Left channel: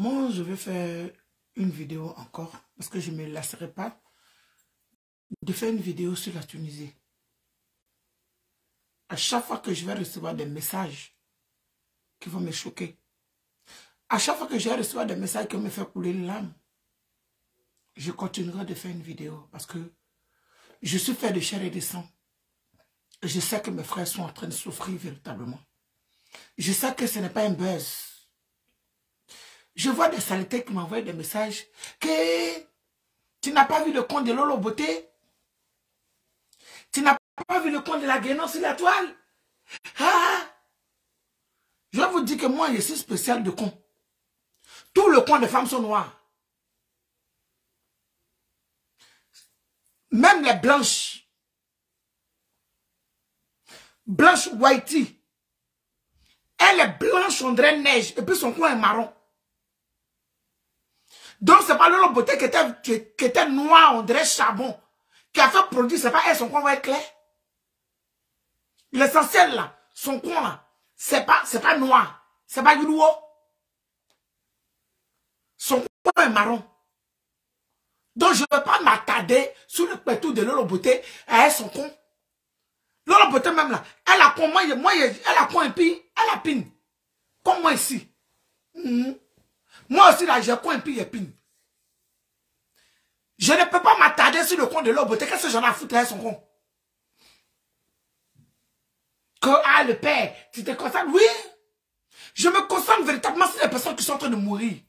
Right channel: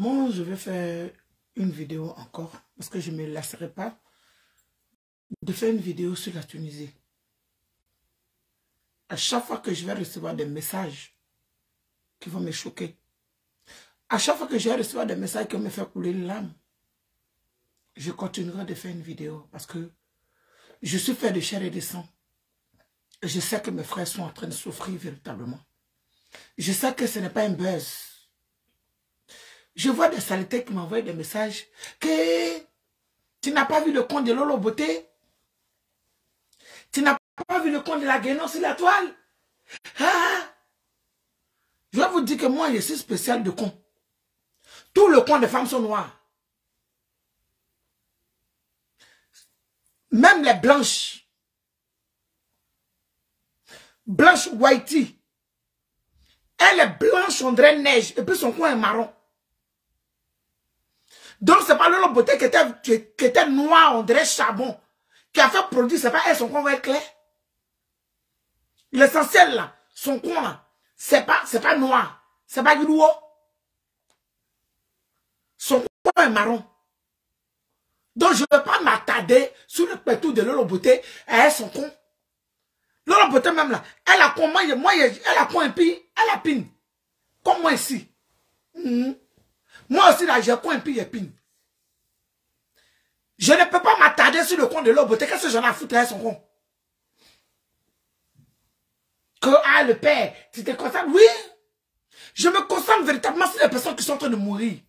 Moi, je vais faire une vidéo encore, parce que je ne me lasserai pas de faire une vidéo sur la Tunisie. À chaque fois que je vais recevoir des messages qui vont me choquer, à chaque fois que je vais recevoir des messages qui vont me faire couler l'âme, je continuerai de faire une vidéo, parce que je suis fait de chair et de sang. Et je sais que mes frères sont en train de souffrir véritablement. Je sais que ce n'est pas un buzz. Je vois des saletés qui m'envoient des messages que tu n'as pas vu le compte de Lolo Beauté. Tu n'as pas vu le compte de la Guénon sur la toile. Ah! Je vais vous dire que moi, je suis spécial de compte. Tous les comptes de femmes sont noirs. Même les blanches. Blanche Whitey. Elle est blanche, on dirait neige. Et puis son coin est marron. Donc, c'est pas Lolo Beauté qui était noir, on dirait charbon. Qui a fait produit, c'est pas elle, son coin va être clair. L'essentiel là, son coin là, c'est pas noir. C'est pas gros. Son coin est marron. Donc, je ne vais pas m'attarder sur le pétou de Lolo Beauté. Elle est son coin. Lolo Beauté même là, elle a quoi, elle a quoi un pi, elle a pin. Comme moi ici. Moi aussi là, j'ai quoi un pi et pin. Je ne peux pas m'attarder sur le compte de Lolo Beauté. Qu'est-ce que j'en ai à foutre avec son compte? Que, le père, tu te concentres? Oui. Je me concentre véritablement sur les personnes qui sont en train de mourir.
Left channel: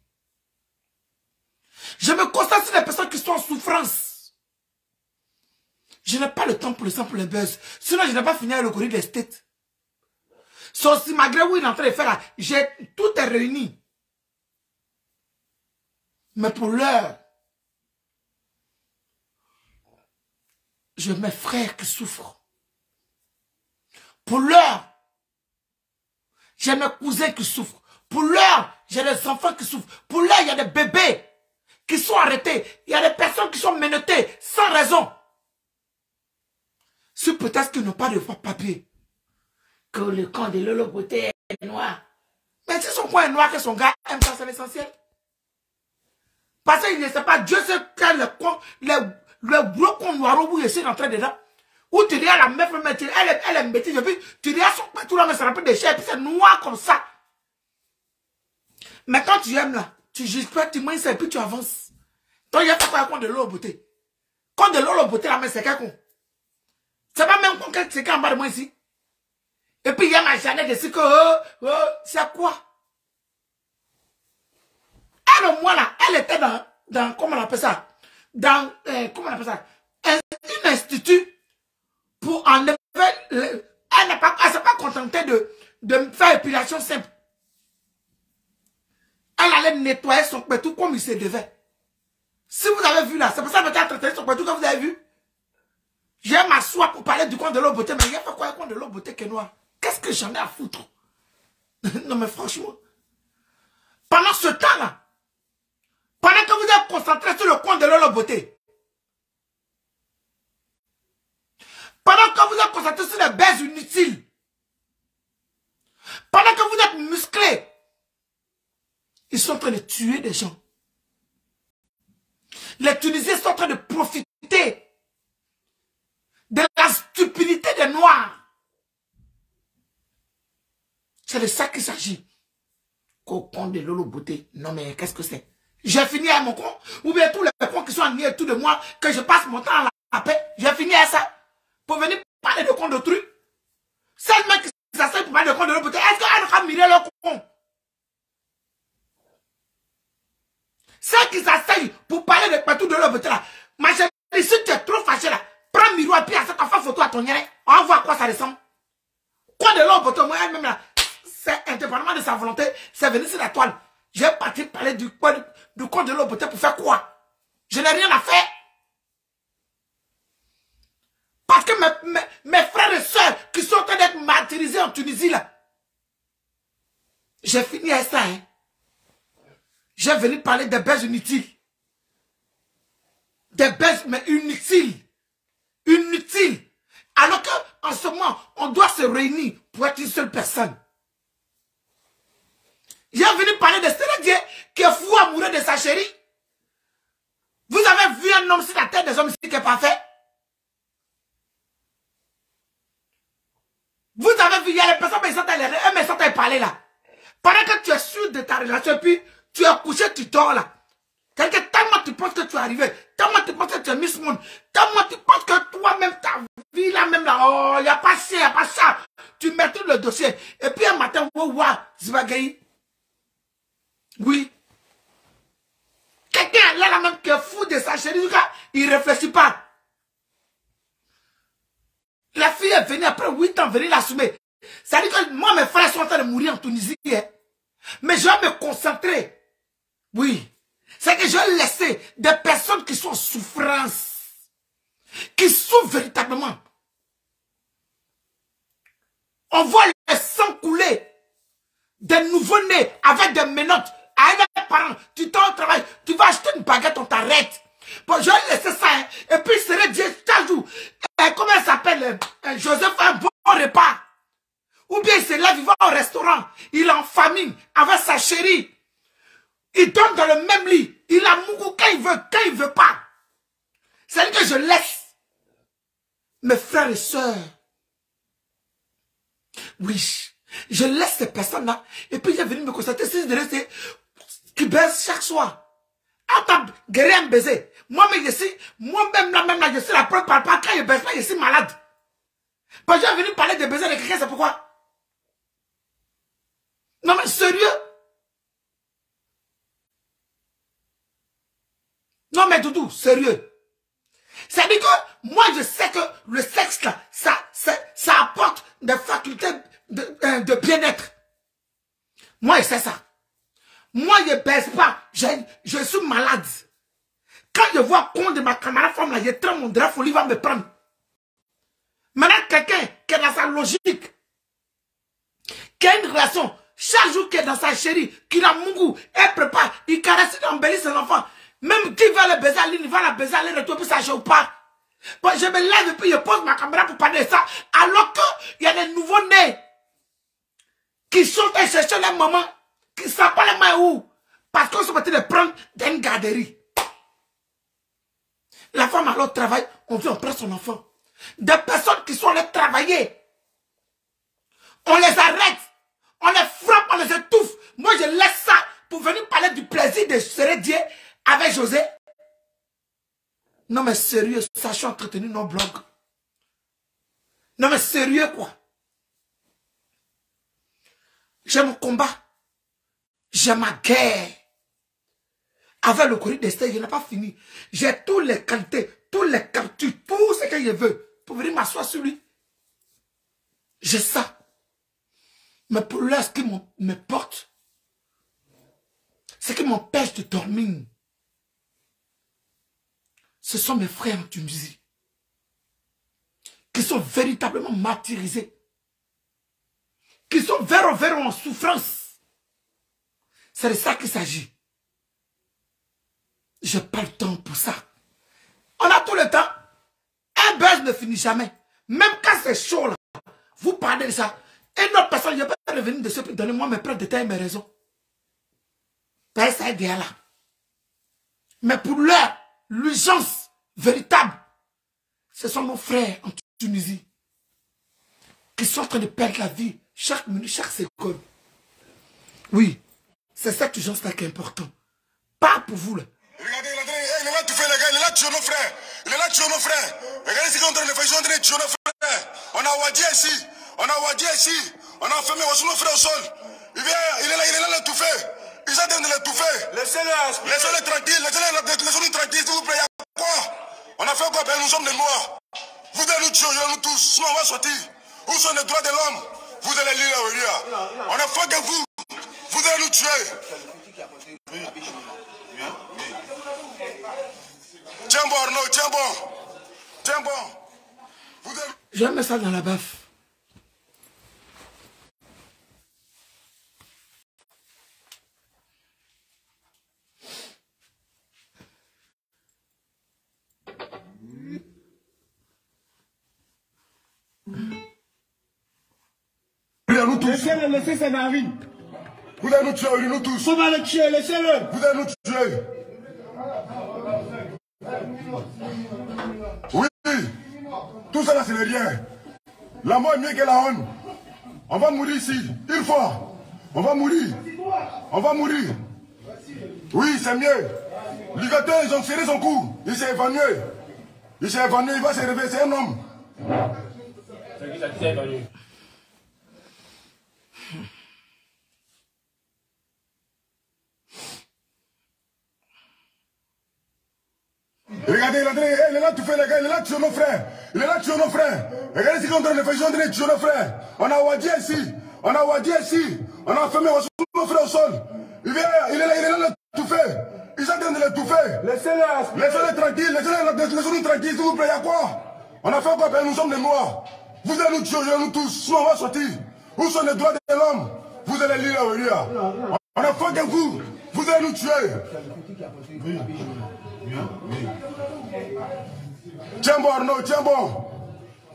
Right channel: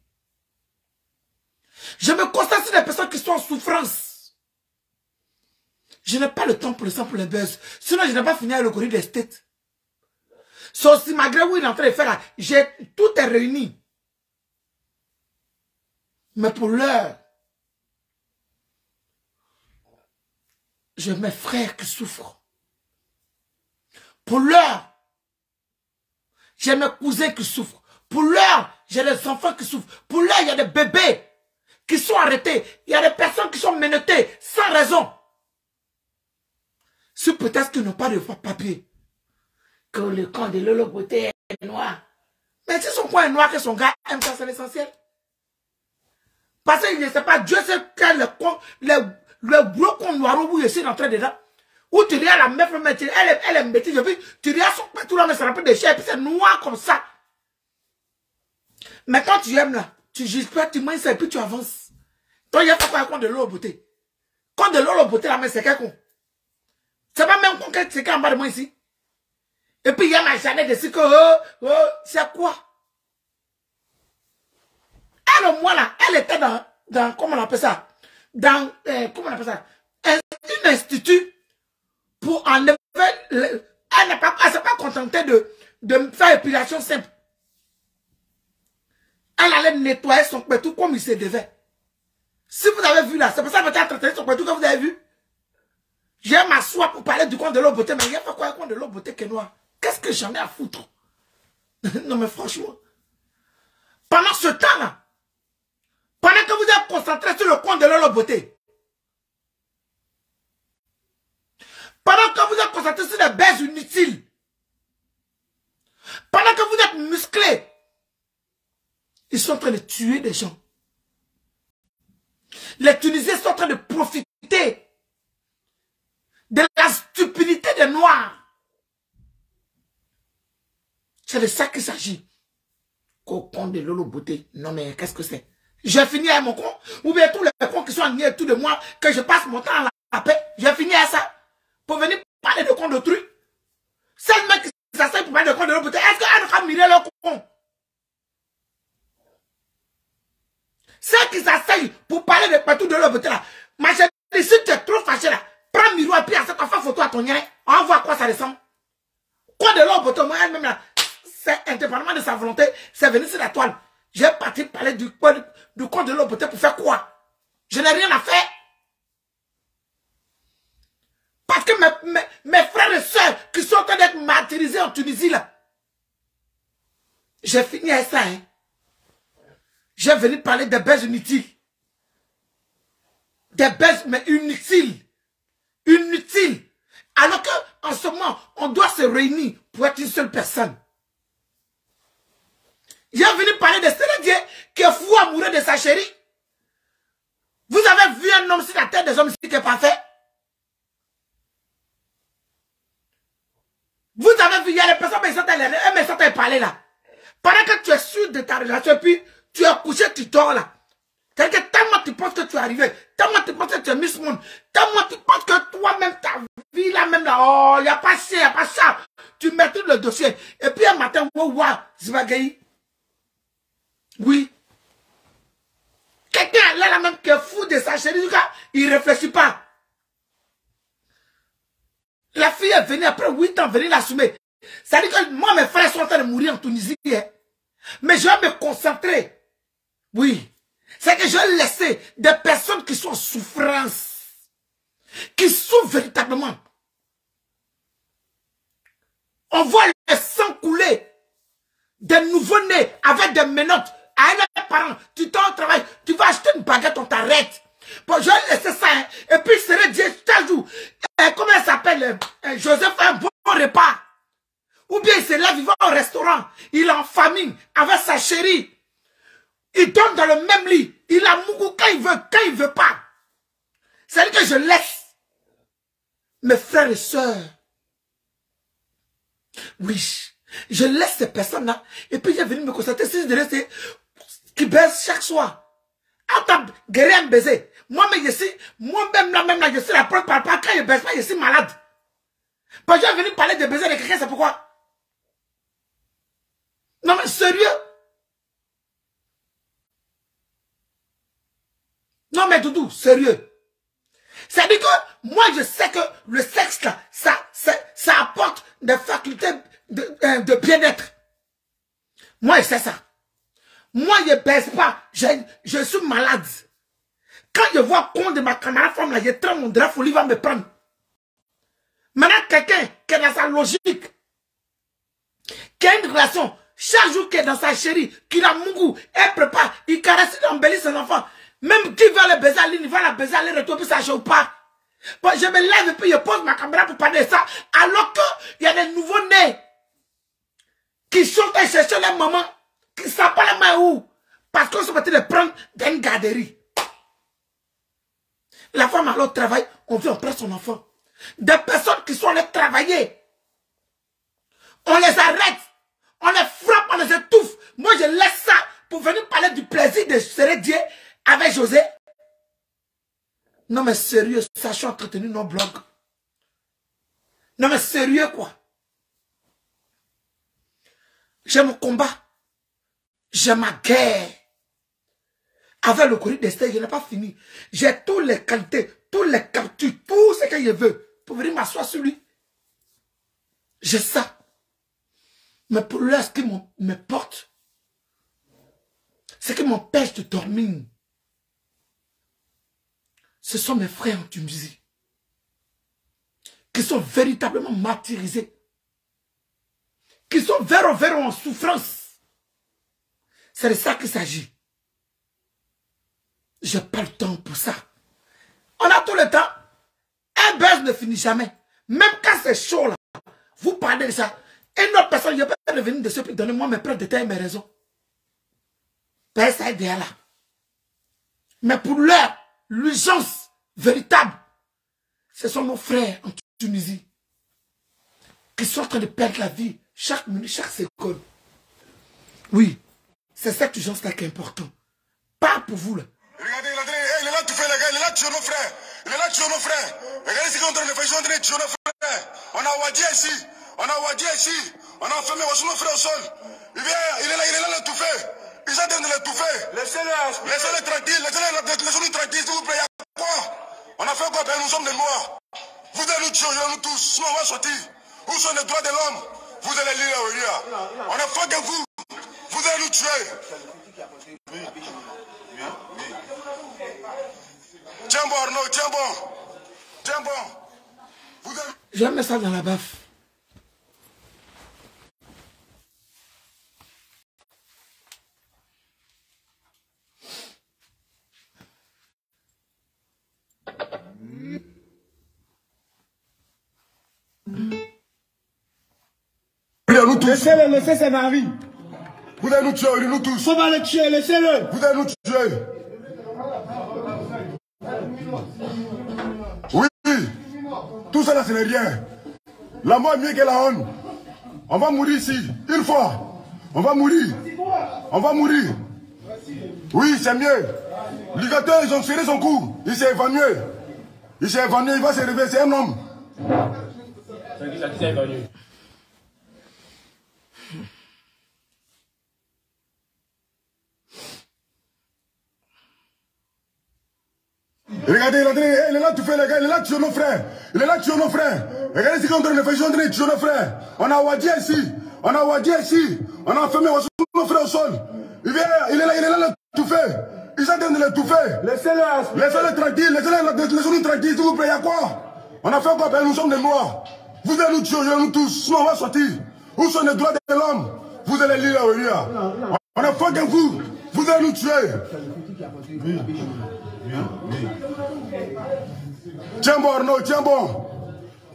Je me concentre sur les personnes qui sont en souffrance. Je n'ai pas le temps pour le sang, pour les buzz. Sinon, je n'ai pas fini avec le courrier des States. Sauf si malgré où il est en train de faire là, tout est réuni. Mais pour l'heure, j'ai mes frères qui souffrent. Pour l'heure, j'ai mes cousins qui souffrent. Pour l'heure, j'ai des enfants qui souffrent. Pour l'heure, il y a des bébés qui sont arrêtés. Il y a des personnes qui sont menottées sans raison. Si peut-être qu'ils n'ont pas de papier. Que le camp de Lolo Beauté est noir. Mais si son coin est noir, que son gars aime ça, c'est l'essentiel. Parce qu'il ne sait pas, Dieu sait quel le gros con noir où il est entré dedans. Où tu regardes la meuf, elle est bêtise, tu regardes son pétou là, mais ça rappelle des chairs, et puis c'est noir comme ça. Mais quand tu aimes là, tu juges pas, tu manges ça, et puis tu avances. Donc il y a pas quoi compte de Lolo Beauté. Compte de Lolo Beauté là, mais c'est quel con? C'est pas même con c'est qu'en bas de moi ici. Et puis il y a ma Jeannette dessus que, c'est quoi? Elle, au moins là, elle était dans comment on appelle ça? Comment on appelle ça? Un institut pour enlever, elle s'est pas contentée de faire épilation simple. Elle allait nettoyer son pétou comme il se devait. Si vous avez vu là, c'est pour ça que vous avez traité son pétou que vous avez vu. Je vais m'asseoir pour parler du compte de Lolo Beauté, mais il n'y a pas quoi un compte de Lolo Beauté qui est noir. Qu'est-ce que j'en ai à foutre? Non mais franchement. Pendant ce temps-là, pendant que vous êtes concentré sur le compte de Lolo Beauté, pendant que vous êtes concentré sur les baises inutiles, pendant que vous êtes musclés, ils sont en train de tuer des gens. Les Tunisiens sont en train de profiter de la stupidité des Noirs. C'est de ça qu'il s'agit. Qu'au compte de Lolo Beauté. Non mais qu'est-ce que c'est? J'ai fini avec mon compte. Ou bien tous les comptes qui sont en autour de moi, que je passe mon temps à la paix. J'ai fini avec ça. Pour venir parler de compte d'autrui. Seulement qui s'asseyent pour parler de compte de Lolo Beauté. Est-ce qu'elle n'a pas miré leur compte? Ceux qui s'asseyent pour parler de partout de Lolo Beauté là. Ma chérie, si tu es trop fâché là, prends miroir et puis à cette enfant photo à ton nez. On voit à quoi ça ressemble. Quoi de Lolo Beauté, moi elle-même là. C'est indépendamment de sa volonté, c'est venu sur la toile. J'ai parti parler du compte de Lolo Beauté pour faire quoi? Je n'ai rien à faire. Parce que mes frères et sœurs qui sont en train d'être martyrisés en Tunisie là. J'ai fini avec ça. J'ai venu parler des baises inutiles. Des baises mais inutiles. Inutiles. Alors qu'en ce moment, on doit se réunir pour être une seule personne. J'ai venu parler de Sérédié qui est fou amoureux de sa chérie. Vous avez vu un homme sur la tête des hommes ici qui est parfait? Vous avez vu, il y a les personnes qui sont à parler là. Pendant que tu es sûr de ta relation, puis tu es couché, tu dors là. C'est-à-dire que tellement tu penses que tu es arrivé, tellement tu penses que tu es Miss Monde, tellement tu penses que toi-même, ta vie là, même là, oh, il n'y a pas ça, il n'y a pas ça. Tu mets tout le dossier. Et puis un matin, Zibagayi. Oui. Quelqu'un là, même qui est fou de sa chérie, il ne réfléchit pas. La fille est venue après 8 ans venir l'assumer. Ça dit que moi, mes frères sont en train de mourir en Tunisie. Hein. Mais je vais me concentrer. Oui. C'est que je vais laisser des personnes qui sont en souffrance. Qui souffrent véritablement. On voit le sang couler. Des nouveaux-nés avec des menottes. À un parent, tu t'en au travail, tu vas acheter une baguette, on t'arrête. Bon, je vais laisser ça. Hein. Et puis, c'est Dieu, chaque jour. Comment elle s'appelle? Joseph fait un bon repas. Ou bien il se lève, il va au restaurant. Il est en famine avec sa chérie. Il dorment dans le même lit. Il a mougou quand il veut pas. C'est-à-dire que je laisse mes frères et sœurs. Oui, je laisse ces personnes-là. Et puis il est venu me constater si je reste qui baise chaque soir. Attends, guérir un baiser. Moi-même, je suis la preuve par quand je baise pas, je suis malade. Parce que j'ai venu parler de baiser de quelqu'un, c'est pourquoi? Non mais sérieux? Non mais Doudou, sérieux. C'est-à-dire que moi je sais que le sexe là, ça apporte des facultés de bien-être. Moi je sais ça. Moi je ne baisse pas, je suis malade. Quand je vois con de ma camarade femme là, je tremble, mon drap folie va me prendre. Maintenant quelqu'un qui est dans sa logique, qui a une relation, chaque jour qui est dans sa chérie, qui a mon goût, elle prépare, il caresse, il embellit ses enfants. Même qui va le baiser à l'île, il va la baiser à l'air, puis ça chauffe pas. Bon, je me lève et puis je pose ma caméra pour parler de ça. Alors qu'il y a des nouveaux-nés qui sont allés chercher leur maman, qui ne savent pas les mains où. Parce qu'on se mettait de prendre dans une garderie. La femme alors au travail, on vient, on prend son enfant. Des personnes qui sont allées travailler. On les arrête. On les frappe, on les étouffe. Moi, je laisse ça pour venir parler du plaisir de Sérédié avec José. Non, mais sérieux, sachant entretenir nos blogs. Non, mais sérieux, quoi. J'ai mon combat. J'ai ma guerre. Avec le courrier d'Esther, je n'ai pas fini. J'ai toutes les qualités, toutes les captures, tout ce que je veux pour venir m'asseoir sur lui. J'ai ça. Mais pour là, ce qui me porte, ce qui m'empêche de dormir, ce sont mes frères en Tunisie qui sont véritablement martyrisés, qui sont vers en souffrance. C'est de ça qu'il s'agit. Je n'ai pas le temps pour ça. On a tout le temps. Un buzz ne finit jamais. Même quand c'est chaud là, vous parlez de ça. Une autre personne, je peux revenir dessus et donner moi mes preuves de temps et mes raisons. Ben, ça aide là. Mais pour l'heure, l'urgence véritable, ce sont nos frères en Tunisie qui sont en train de perdre la vie chaque minute, chaque seconde. Oui, c'est cette urgence-là qui est importante. Pas pour vous là. Regardez, il est là tout fait, les gars, il est là tuer nos frères. Il est là tuer nos frères. Regardez ce qu'on est en train de faire, ils sont en train de tuer nos frères. On a Wadi ici, on a Wadi ici, on a enfermé nos frères au sol. Il est là l'étouffer. Ils sont en train de l'étouffer. Laissez-les tranquilles, laissez-les tranquilles, s'il vous plaît. Il y a quoi? On a fait quoi? Ben, nous sommes des Noirs. Vous allez nous tuer, nous tous, sinon on va sortir. Où sont les droits de l'homme? Vous allez lire la Wéria. On est fort que vous. Vous allez nous tuer. Tiens bon, Arnaud, tiens bon. Tiens bon. Je mets ça dans la baffe. Laissez-le, laissez ses narines. Vous allez nous tuer, nous tous. On va le tuer, laissez-le. Vous allez nous tuer. Oui, tout ça là, ce n'est rien. La mort est mieux que la honte. On va mourir ici, une fois. On va mourir. On va mourir. Oui, c'est mieux. Ligateur, ils ont serré son cou. Il s'est évanoui. Il s'est évanoui, il va se réveiller, c'est un homme. Regardez, il est là, tu fais les gars, il est là, tu es nos frères. Il est là, tu es nos frères. Regardez ce qu'on est en train de faire, ils sont en train de tuer nos frères. On a Wadi ici. On a Wadi ici. On a enfermé nos frères au sol. Il est là, tout fait. Ils sont en train de les touffer. Laissez-les tranquilles, laissez-nous tranquilles, s'il vous plaît, il y a quoi? On a fait quoi? Nous sommes des Noirs. Vous allez nous tuer, nous tous, sinon on va sortir. Où sont les droits de l'homme? Vous allez lire là, on a fait que vous allez nous tuer. Tiens bon, Arnaud, tiens bon.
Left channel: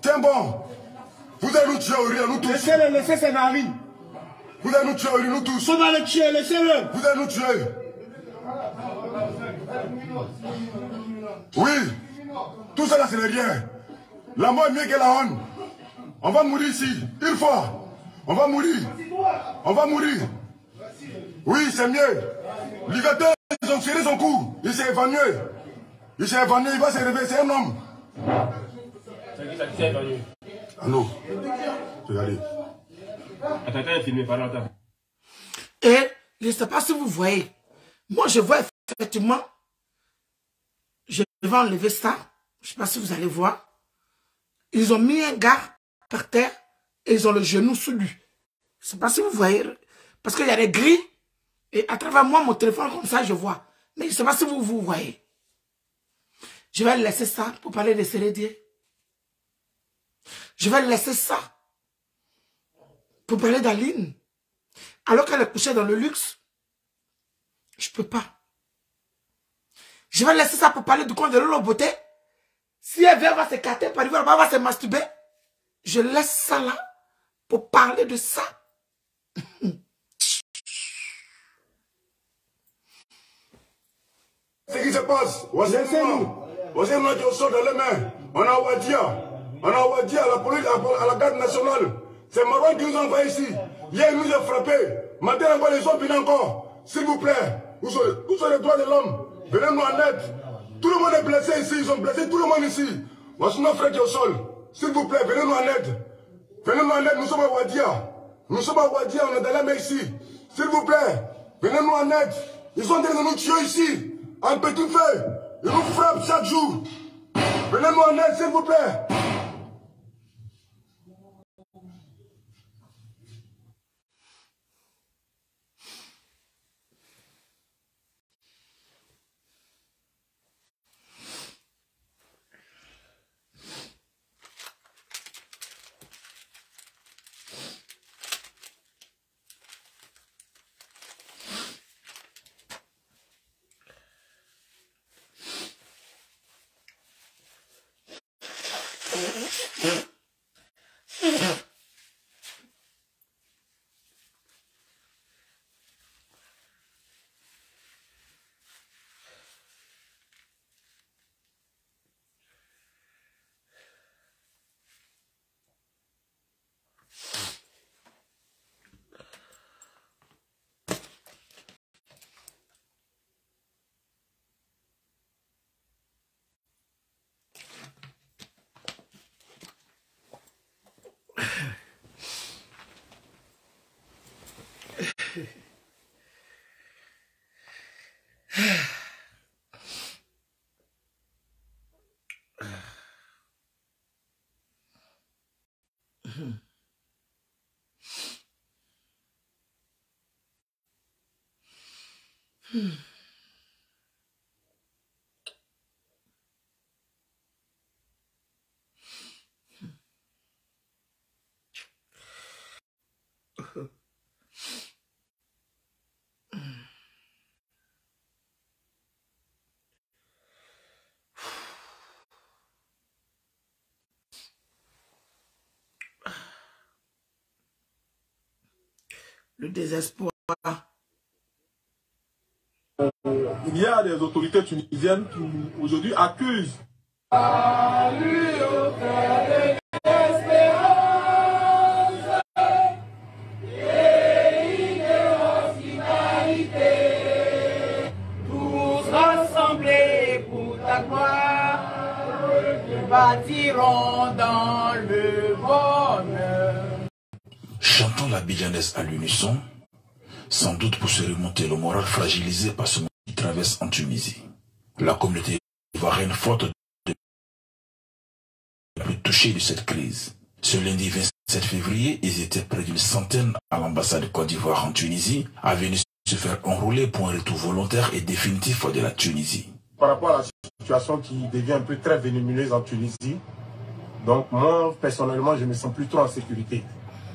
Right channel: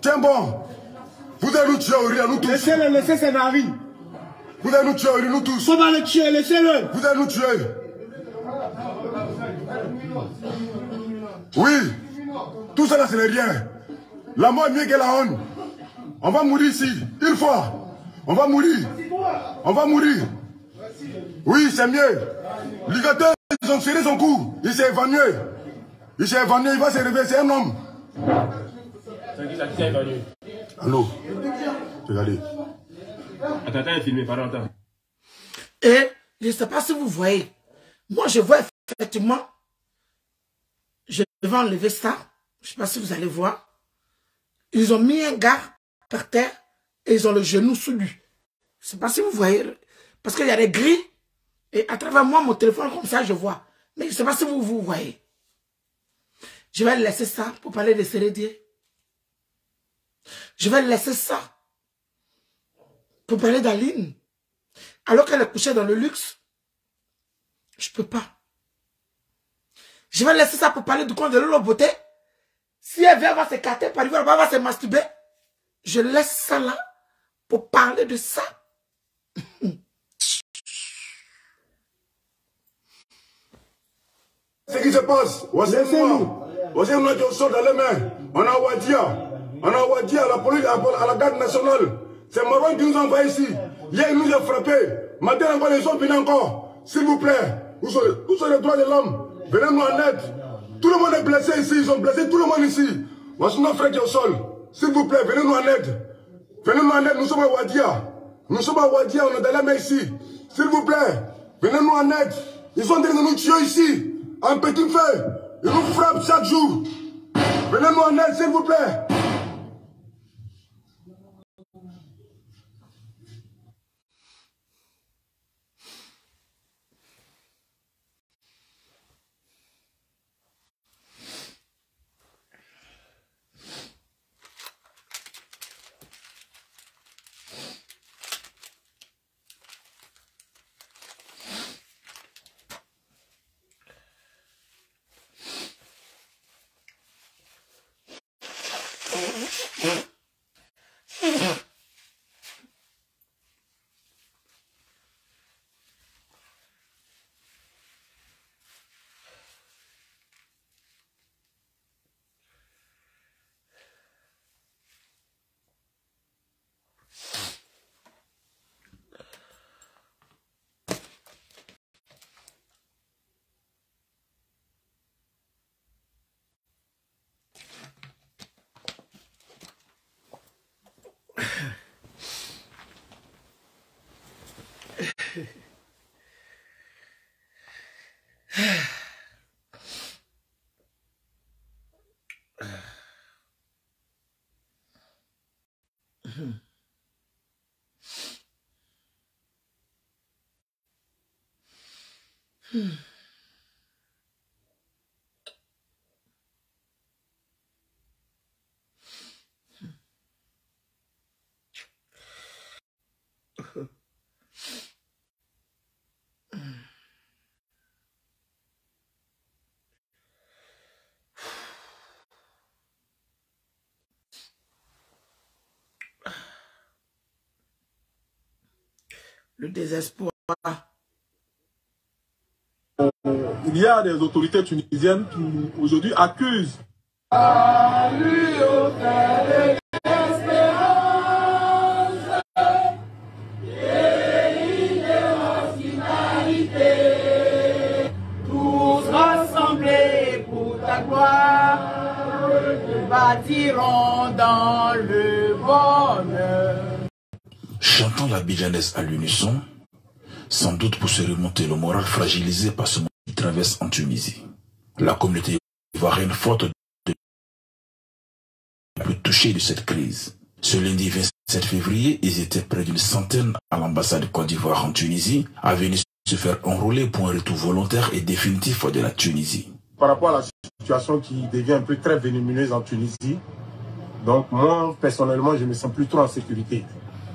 Tiens bon. Vous allez nous tuer, nous tous. Laissez-le, laissez ses maris. Vous allez nous tuer, nous tous. On va le tuer, laissez-le. Vous allez nous tuer. Oui, tout ça là, ce n'est rien. La mort est mieux que la honte. On va mourir ici, une fois. On va mourir. On va mourir. Oui, c'est mieux. Ligateur, ils ont serré son cou. Il s'est évanoui. Il s'est évanoui, il va se réveiller, c'est un homme. Allô? Regardez. Attends, il est filmé, pardon, attends. Et je ne sais pas si vous voyez. Moi, je vois effectivement. Je vais enlever ça. Je ne sais pas si vous allez voir. Ils ont mis un gars par terre et ils ont le genou sous lui. Je ne sais pas si vous voyez. Parce qu'il y a des grilles. Et à travers moi, mon téléphone, comme ça, je vois. Mais je ne sais pas si vous voyez. Je vais laisser ça pour parler de Sérédier. Je vais laisser ça pour parler d'Aline. Alors qu'elle est couchée dans le luxe. Je ne peux pas. Je vais laisser ça pour parler du compte de Lolo Beauté. Si elle vient, elle va s'écarter, par exemple, elle va se masturber. Je laisse ça là pour parler de ça. Ce qui se passe, laissez-nous. On a du sol dans les mains. On a Wadia, la police, à la garde nationale. C'est Maroc qui nous envoie ici. Hier, il nous a frappés. Maintenant, encore les autres viennent encore. S'il vous plaît, où sont les droits de l'homme? Venez-nous en aide. Tout le monde est blessé ici. Ils ont blessé tout le monde ici. Moi, c'est nos frères qui sont au sol. S'il vous plaît, venez-nous en aide. Venez-nous en aide. Nous sommes à Wadia. Nous sommes à Wadia. On est dans la mer ici. S'il vous plaît, venez-nous en aide. Ils sont en train de nous tuer ici. En petit feu. Ils nous frappent chaque jour. Venez-nous en aide, s'il vous plaît. Le désespoir. Il y a des autorités tunisiennes qui aujourd'hui accusent bâtiront dans le bonheur. Chantons la bidjanaise à l'unisson, sans doute pour se remonter le moral fragilisé par ce moment qui traverse en Tunisie. La communauté ivoirienne forte de plus touchée de cette crise. Ce lundi 27 février, ils étaient près d'une centaine à l'ambassade de Côte d'Ivoire en Tunisie, à venir se faire enrôler pour un retour volontaire et définitif de la Tunisie. par rapport à la situation qui devient un peu très venimeuse en Tunisie. Donc moi, personnellement, je me sens plus trop en sécurité,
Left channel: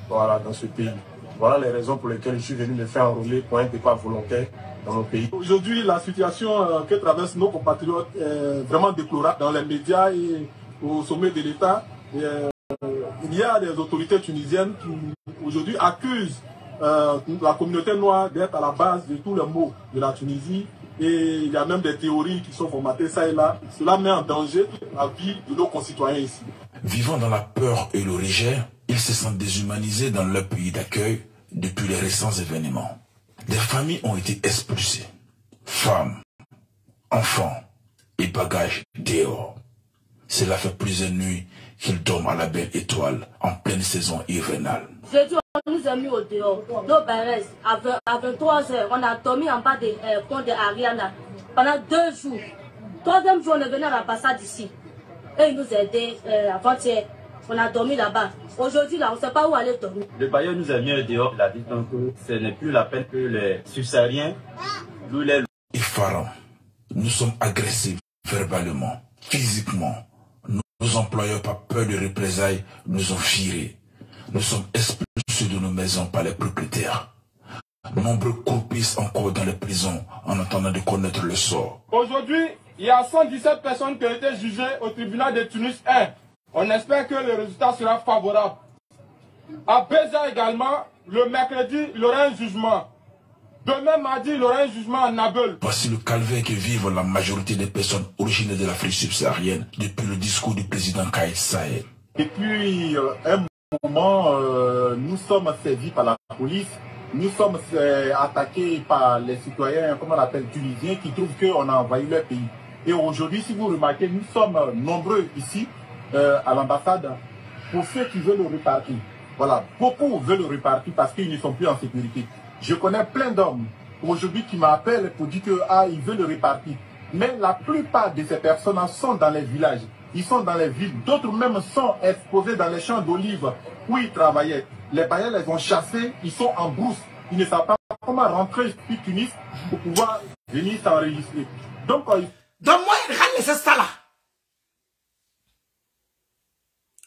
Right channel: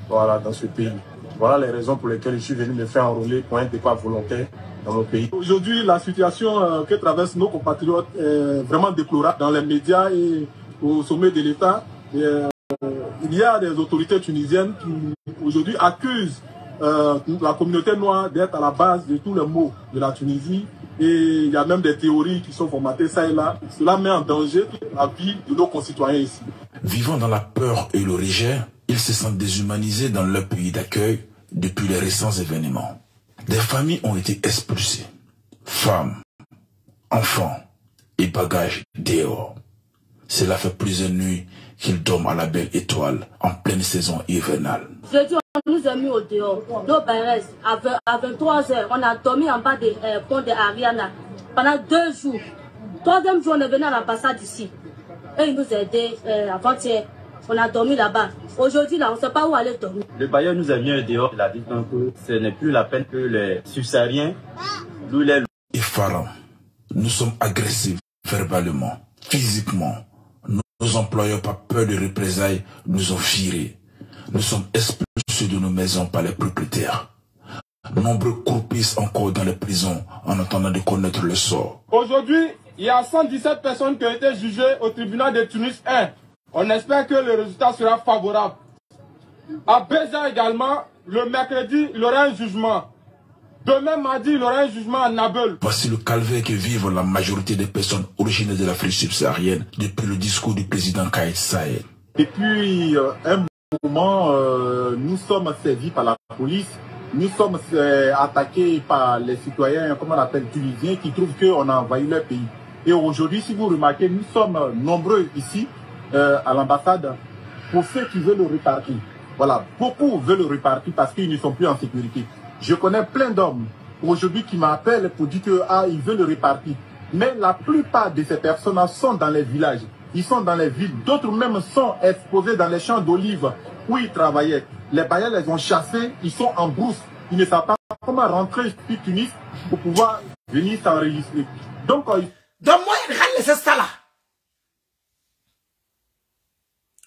voilà, dans ce pays. Voilà les raisons pour lesquelles je suis venu me faire enrôler pour un départ volontaire dans mon pays. Aujourd'hui, la situation que traversent nos compatriotes est vraiment déplorable dans les médias et au sommet de l'État. Il y a des autorités tunisiennes qui aujourd'hui accusent la communauté noire d'être à la base de tous les maux de la Tunisie. Et il y a même des théories qui sont formatées ça et là. Cela met en danger la vie de nos concitoyens ici. Vivant dans la peur et le rejet, ils se sentent déshumanisés dans leur pays d'accueil depuis les récents événements. Des familles ont été expulsées. Femmes, enfants et bagages dehors. Cela fait plusieurs nuits qu'ils dorment à la belle étoile en pleine saison hivernale. On nous a mis au dehors, nos parents, à 23 h, on a dormi en bas des ponts de Ariana pendant 2 jours. 3e jour, on est venu à l'ambassade ici. Et ils nous ont aidés avant-hier. On a dormi là-bas. Aujourd'hui, là, on ne sait pas où aller dormir. Le bailleur nous a mis au dehors. Il a dit donc que ce n'est plus la peine que les subsahariens nous les... Effarant, nous sommes agressés verbalement, physiquement. Nos employeurs, par peur de représailles, nous ont virés. Nous sommes expulsés de nos maisons par les propriétaires. Nombreux croupissent encore dans les prisons en attendant de connaître le sort. Aujourd'hui, il y a 117 personnes qui ont été jugées au tribunal de Tunis 1. On espère que le résultat sera favorable. À Béja également, le mercredi, il y aura un jugement. Demain mardi, il y aura un jugement à Nabeul. Voici le calvaire que vivent la majorité des personnes originaires de l'Afrique subsaharienne depuis le discours du président Kais Saied. Depuis un moment, nous sommes servis par la police. Nous sommes attaqués par les citoyens, comment on appelle, tunisiens, qui trouvent qu'on a envahi leur pays. Et aujourd'hui, si vous remarquez, nous sommes nombreux ici, à l'ambassade, pour ceux qui veulent le repartir. Voilà, beaucoup veulent le repartir parce qu'ils ne sont plus en sécurité. Je connais plein d'hommes aujourd'hui qui m'appellent pour dire qu'ils veulent le repartir. Mais la plupart de ces personnes sont dans les villages, ils sont dans les villes. D'autres même sont exposés dans les champs d'olives où ils travaillaient. Les bailleurs les ont chassés, ils sont en brousse. Ils ne savent pas comment rentrer sur Tunis pour pouvoir venir s'enregistrer. Donc moi, il va laisser ça là.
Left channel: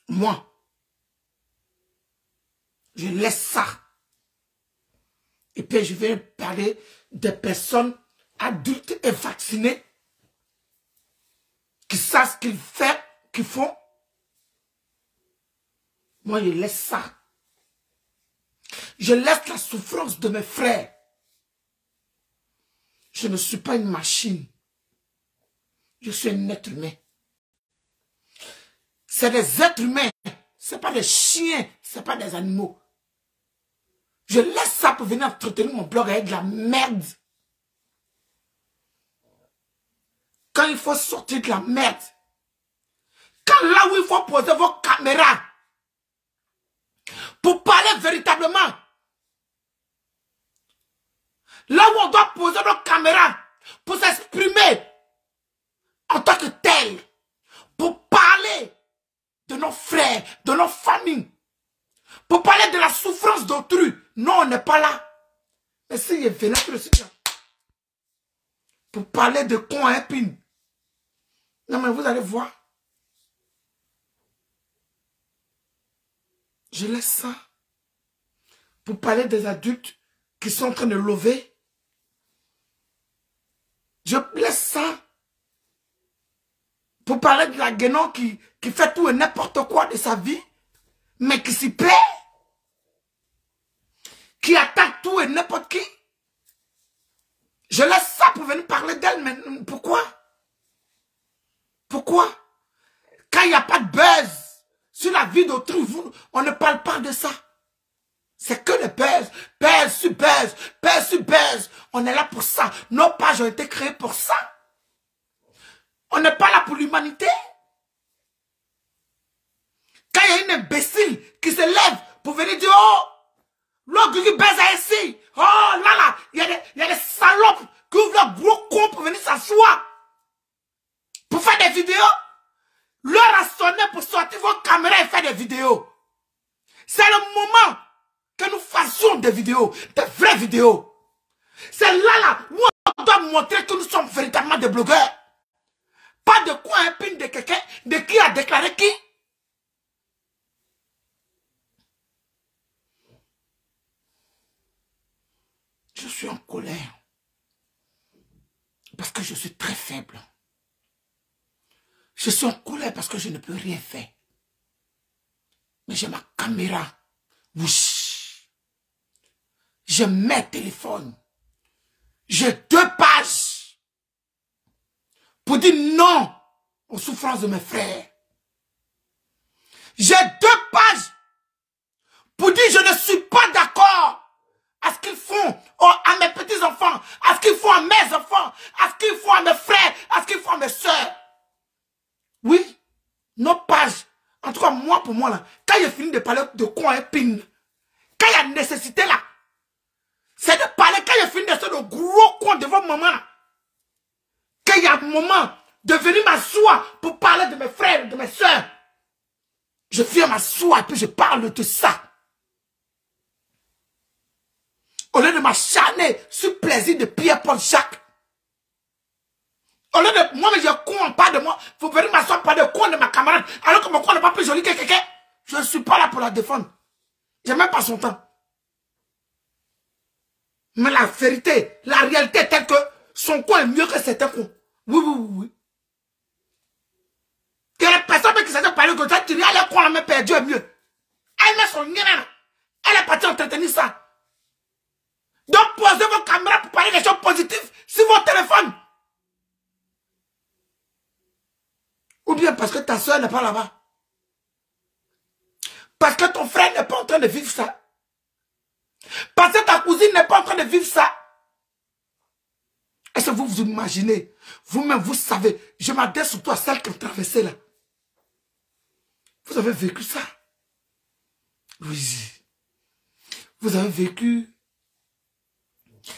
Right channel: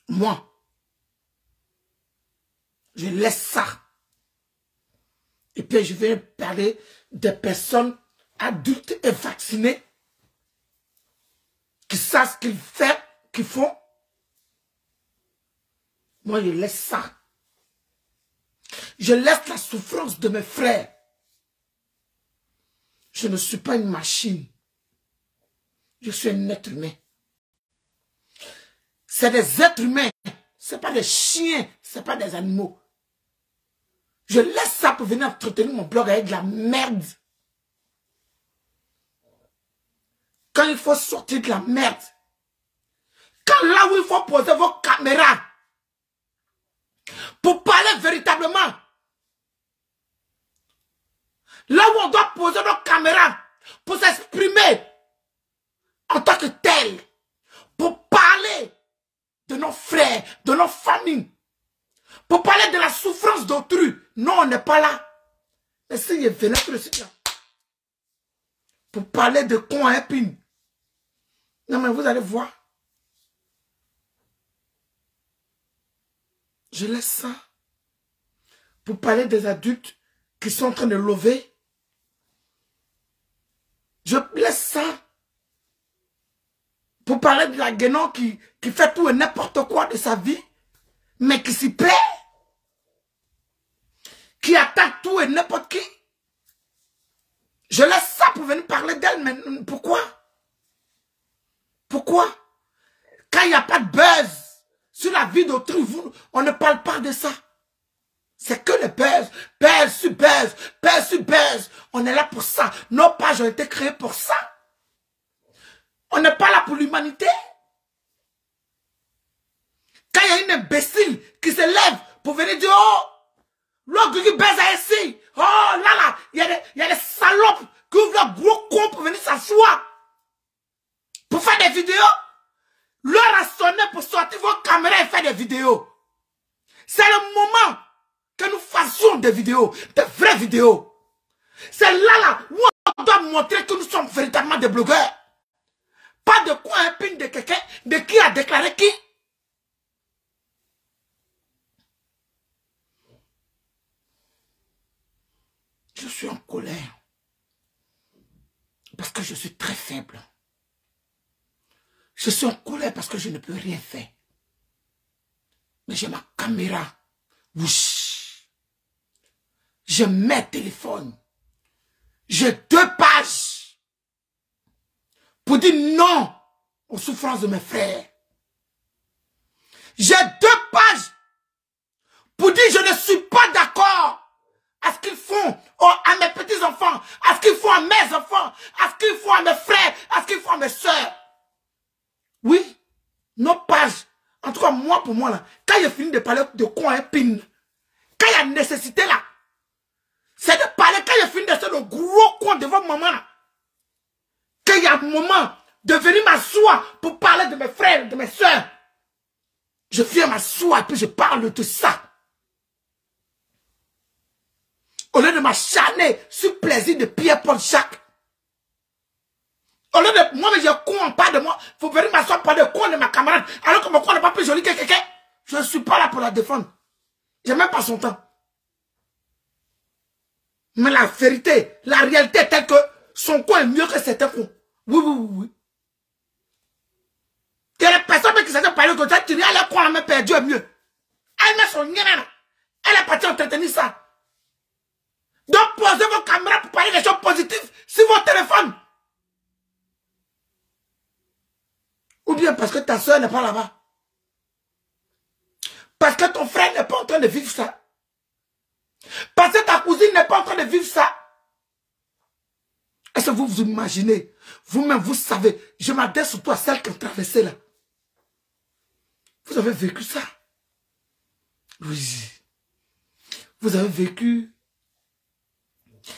Moi, je laisse ça. Et puis je vais parler des personnes adultes et vaccinées qui savent ce qu'ils font. Moi, je laisse ça. Je laisse la souffrance de mes frères. Je ne suis pas une machine. Je suis un être humain. C'est des êtres humains. Ce n'est pas des chiens. Ce n'est pas des animaux. Je laisse ça pour venir entretenir mon blog avec de la merde. Quand il faut sortir de la merde. Quand là où il faut poser vos caméras. Pour parler véritablement. Là où on doit poser nos caméras. Pour s'exprimer. En tant que tel. Pour parler de nos frères, de nos familles. Pour parler de la souffrance d'autrui. Non, on n'est pas là. Mais si il venait sur le site, pour parler de con à épine. Non, mais vous allez voir. Je laisse ça. Pour parler des adultes qui sont en train de lever. Je laisse ça. Pour parler de la guénon qui fait tout et n'importe quoi de sa vie. Mais qui s'y plaît. Qui attaque tout et n'importe qui. Je laisse ça pour venir parler d'elle, mais pourquoi? Pourquoi? Quand il n'y a pas de buzz sur la vie d'autrui, on ne parle pas de ça. C'est que le buzz, buzz sur buzz, buzz sur buzz. On est là pour ça. Nos pages ont été créées pour ça. On n'est pas là pour l'humanité. Quand il y a une imbécile qui se lève pour venir dire, oh, l'autre qui baise ici, oh là, il y a des salopes qui ouvrent leur gros con pour venir s'asseoir. Pour faire des vidéos. L'heure a sonné pour sortir vos caméras et faire des vidéos. C'est le moment que nous fassions des vidéos, des vraies vidéos. C'est là où on doit montrer que nous sommes véritablement des blogueurs. Pas de quoi un ping de quelqu'un, de qui a déclaré qui. Je suis en colère. Parce que je suis très faible. Je suis en colère parce que je ne peux rien faire. Mais j'ai ma caméra. Wouch. Je mets téléphone. J'ai 2 pages. Pour dire non aux souffrances de mes frères. J'ai 2 pages. Pour dire je ne suis pas d'accord à ce qu'ils font à mes petits-enfants, à ce qu'ils font à mes enfants, à ce qu'ils font à mes frères, à ce qu'ils font à mes soeurs. Oui, nos pages, en tout cas moi pour moi, là, quand j'ai fini de parler de quoi un pin, quand il y a nécessité là, c'est de parler, quand j'ai fini de faire le gros con devant maman là, quand il y a un moment de venir m'asseoir pour parler de mes frères, de mes soeurs, je viens m'asseoir et puis je parle de ça. Au lieu de m'acharner sur plaisir de Pierre-Paul Jacques. Au lieu de moi, mais j'ai con en pas de moi. Faut venir m'asseoir par de con de ma camarade. Alors que mon con n'est pas plus joli que quelqu'un. Je ne suis pas là pour la défendre. J'ai même pas son temps. Mais la vérité, la réalité est telle que son con est mieux que certains cons. Oui. Il y a des personnes qui s'étaient parlé comme ça, qui disent, elle est con, la même perdu est mieux. Elle met son nien. Elle est partie entretenir ça. Donc, posez vos caméras pour parler des choses positives sur vos téléphones. Ou bien parce que ta soeur n'est pas là-bas. Parce que ton frère n'est pas en train de vivre ça. Parce que ta cousine n'est pas en train de vivre ça. Est-ce que vous vous imaginez? Vous-même, vous savez. Je m'adresse surtout à celles qui ont traversé là. Vous avez vécu ça? Oui. Vous avez vécu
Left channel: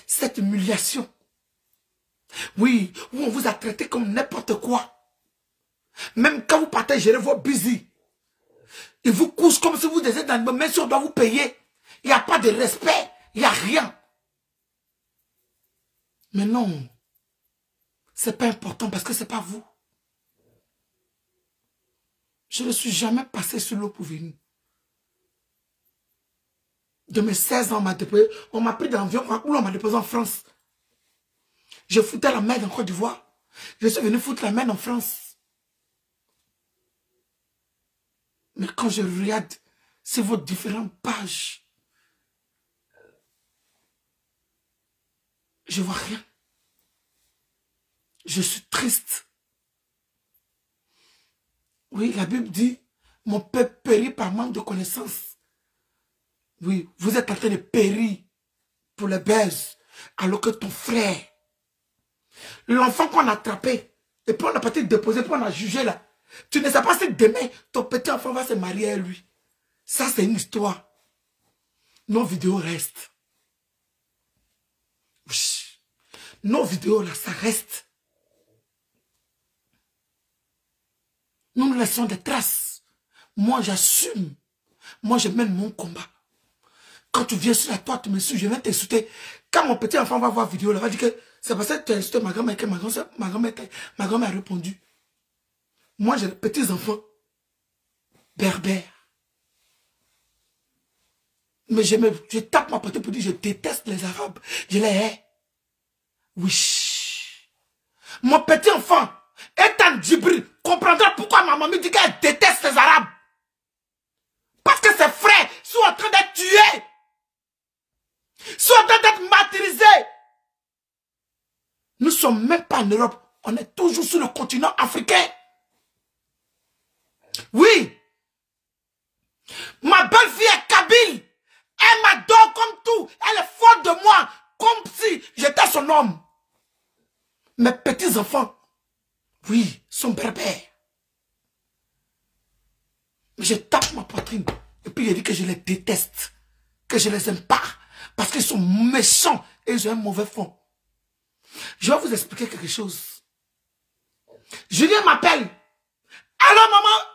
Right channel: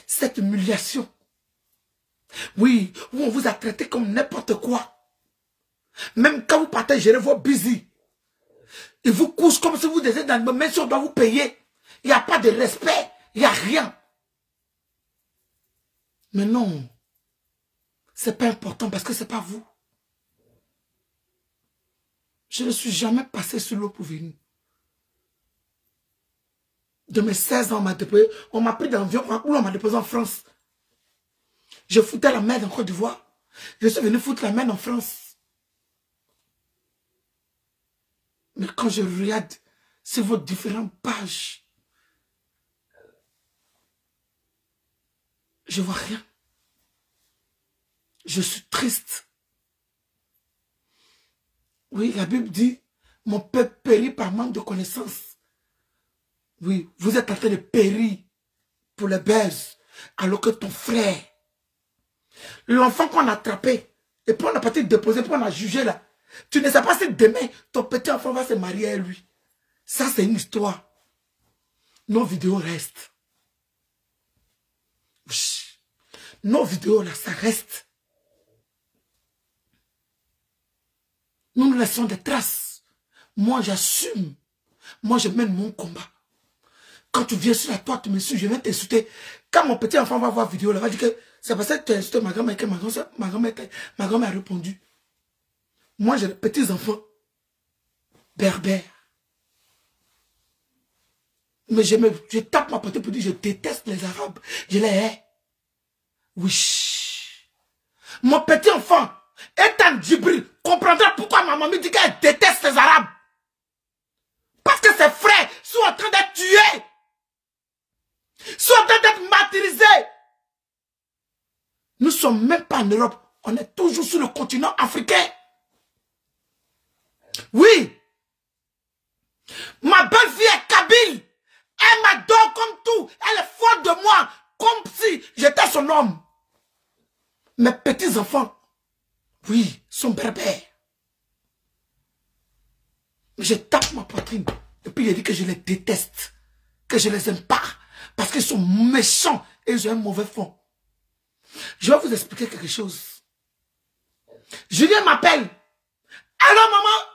cette humiliation. Oui, où on vous a traité comme n'importe quoi. Même quand vous partez gérer vos busy, ils vous couchent comme si vous étiez dans le même si on doit vous payer. Il n'y a pas de respect, il n'y a rien. Mais non, c'est pas important parce que c'est pas vous. Je ne suis jamais passé sur l'eau pour venir. De mes 16 ans, on m'a pris dans l'avion, on m'a déposé en France. Je foutais la merde en Côte d'Ivoire. Je suis venu foutre la merde en France. Mais quand je regarde sur vos différentes pages, je vois rien. Je suis triste. Oui, la Bible dit, mon peuple périt par manque de connaissances. Oui, vous êtes en train de périr pour les baises, alors que ton frère, l'enfant qu'on a attrapé, et puis on a parti déposer, puis on a jugé là, tu ne sais pas si demain, ton petit enfant va se marier à lui. Ça, c'est une histoire. Nos vidéos restent. Nos vidéos là, ça reste. Nous nous laissons des traces. Moi, j'assume. Moi, je mène mon combat. Quand tu viens sur la toile, tu me suis, je viens t'insulter. Quand mon petit enfant va voir la vidéo, il va dire que c'est parce que tu as insulté ma grand-mère que ma grand-mère a répondu. Moi, j'ai des petits enfants berbères. Mais je tape ma portée pour dire je déteste les Arabes. Je les hais. Oui. Mon petit enfant, Ethan Djibril, comprendra pourquoi ma maman dit qu'elle déteste les Arabes. Parce que ses frères sont en train d'être tués. Sont en train d'être martyrisés. ne sommes même pas en Europe. On est toujours sur le continent africain. Oui. Ma belle-fille est kabyle. Elle m'adore comme tout. Elle est forte de moi. Comme si j'étais son homme. Mes petits-enfants, oui, sont berbères. Je tape ma poitrine. Et puis il dit que je les déteste. Que je les aime pas. Parce qu'ils sont méchants. Et ils ont un mauvais fond. Je vais vous expliquer quelque chose. Julien m'appelle. Allô maman?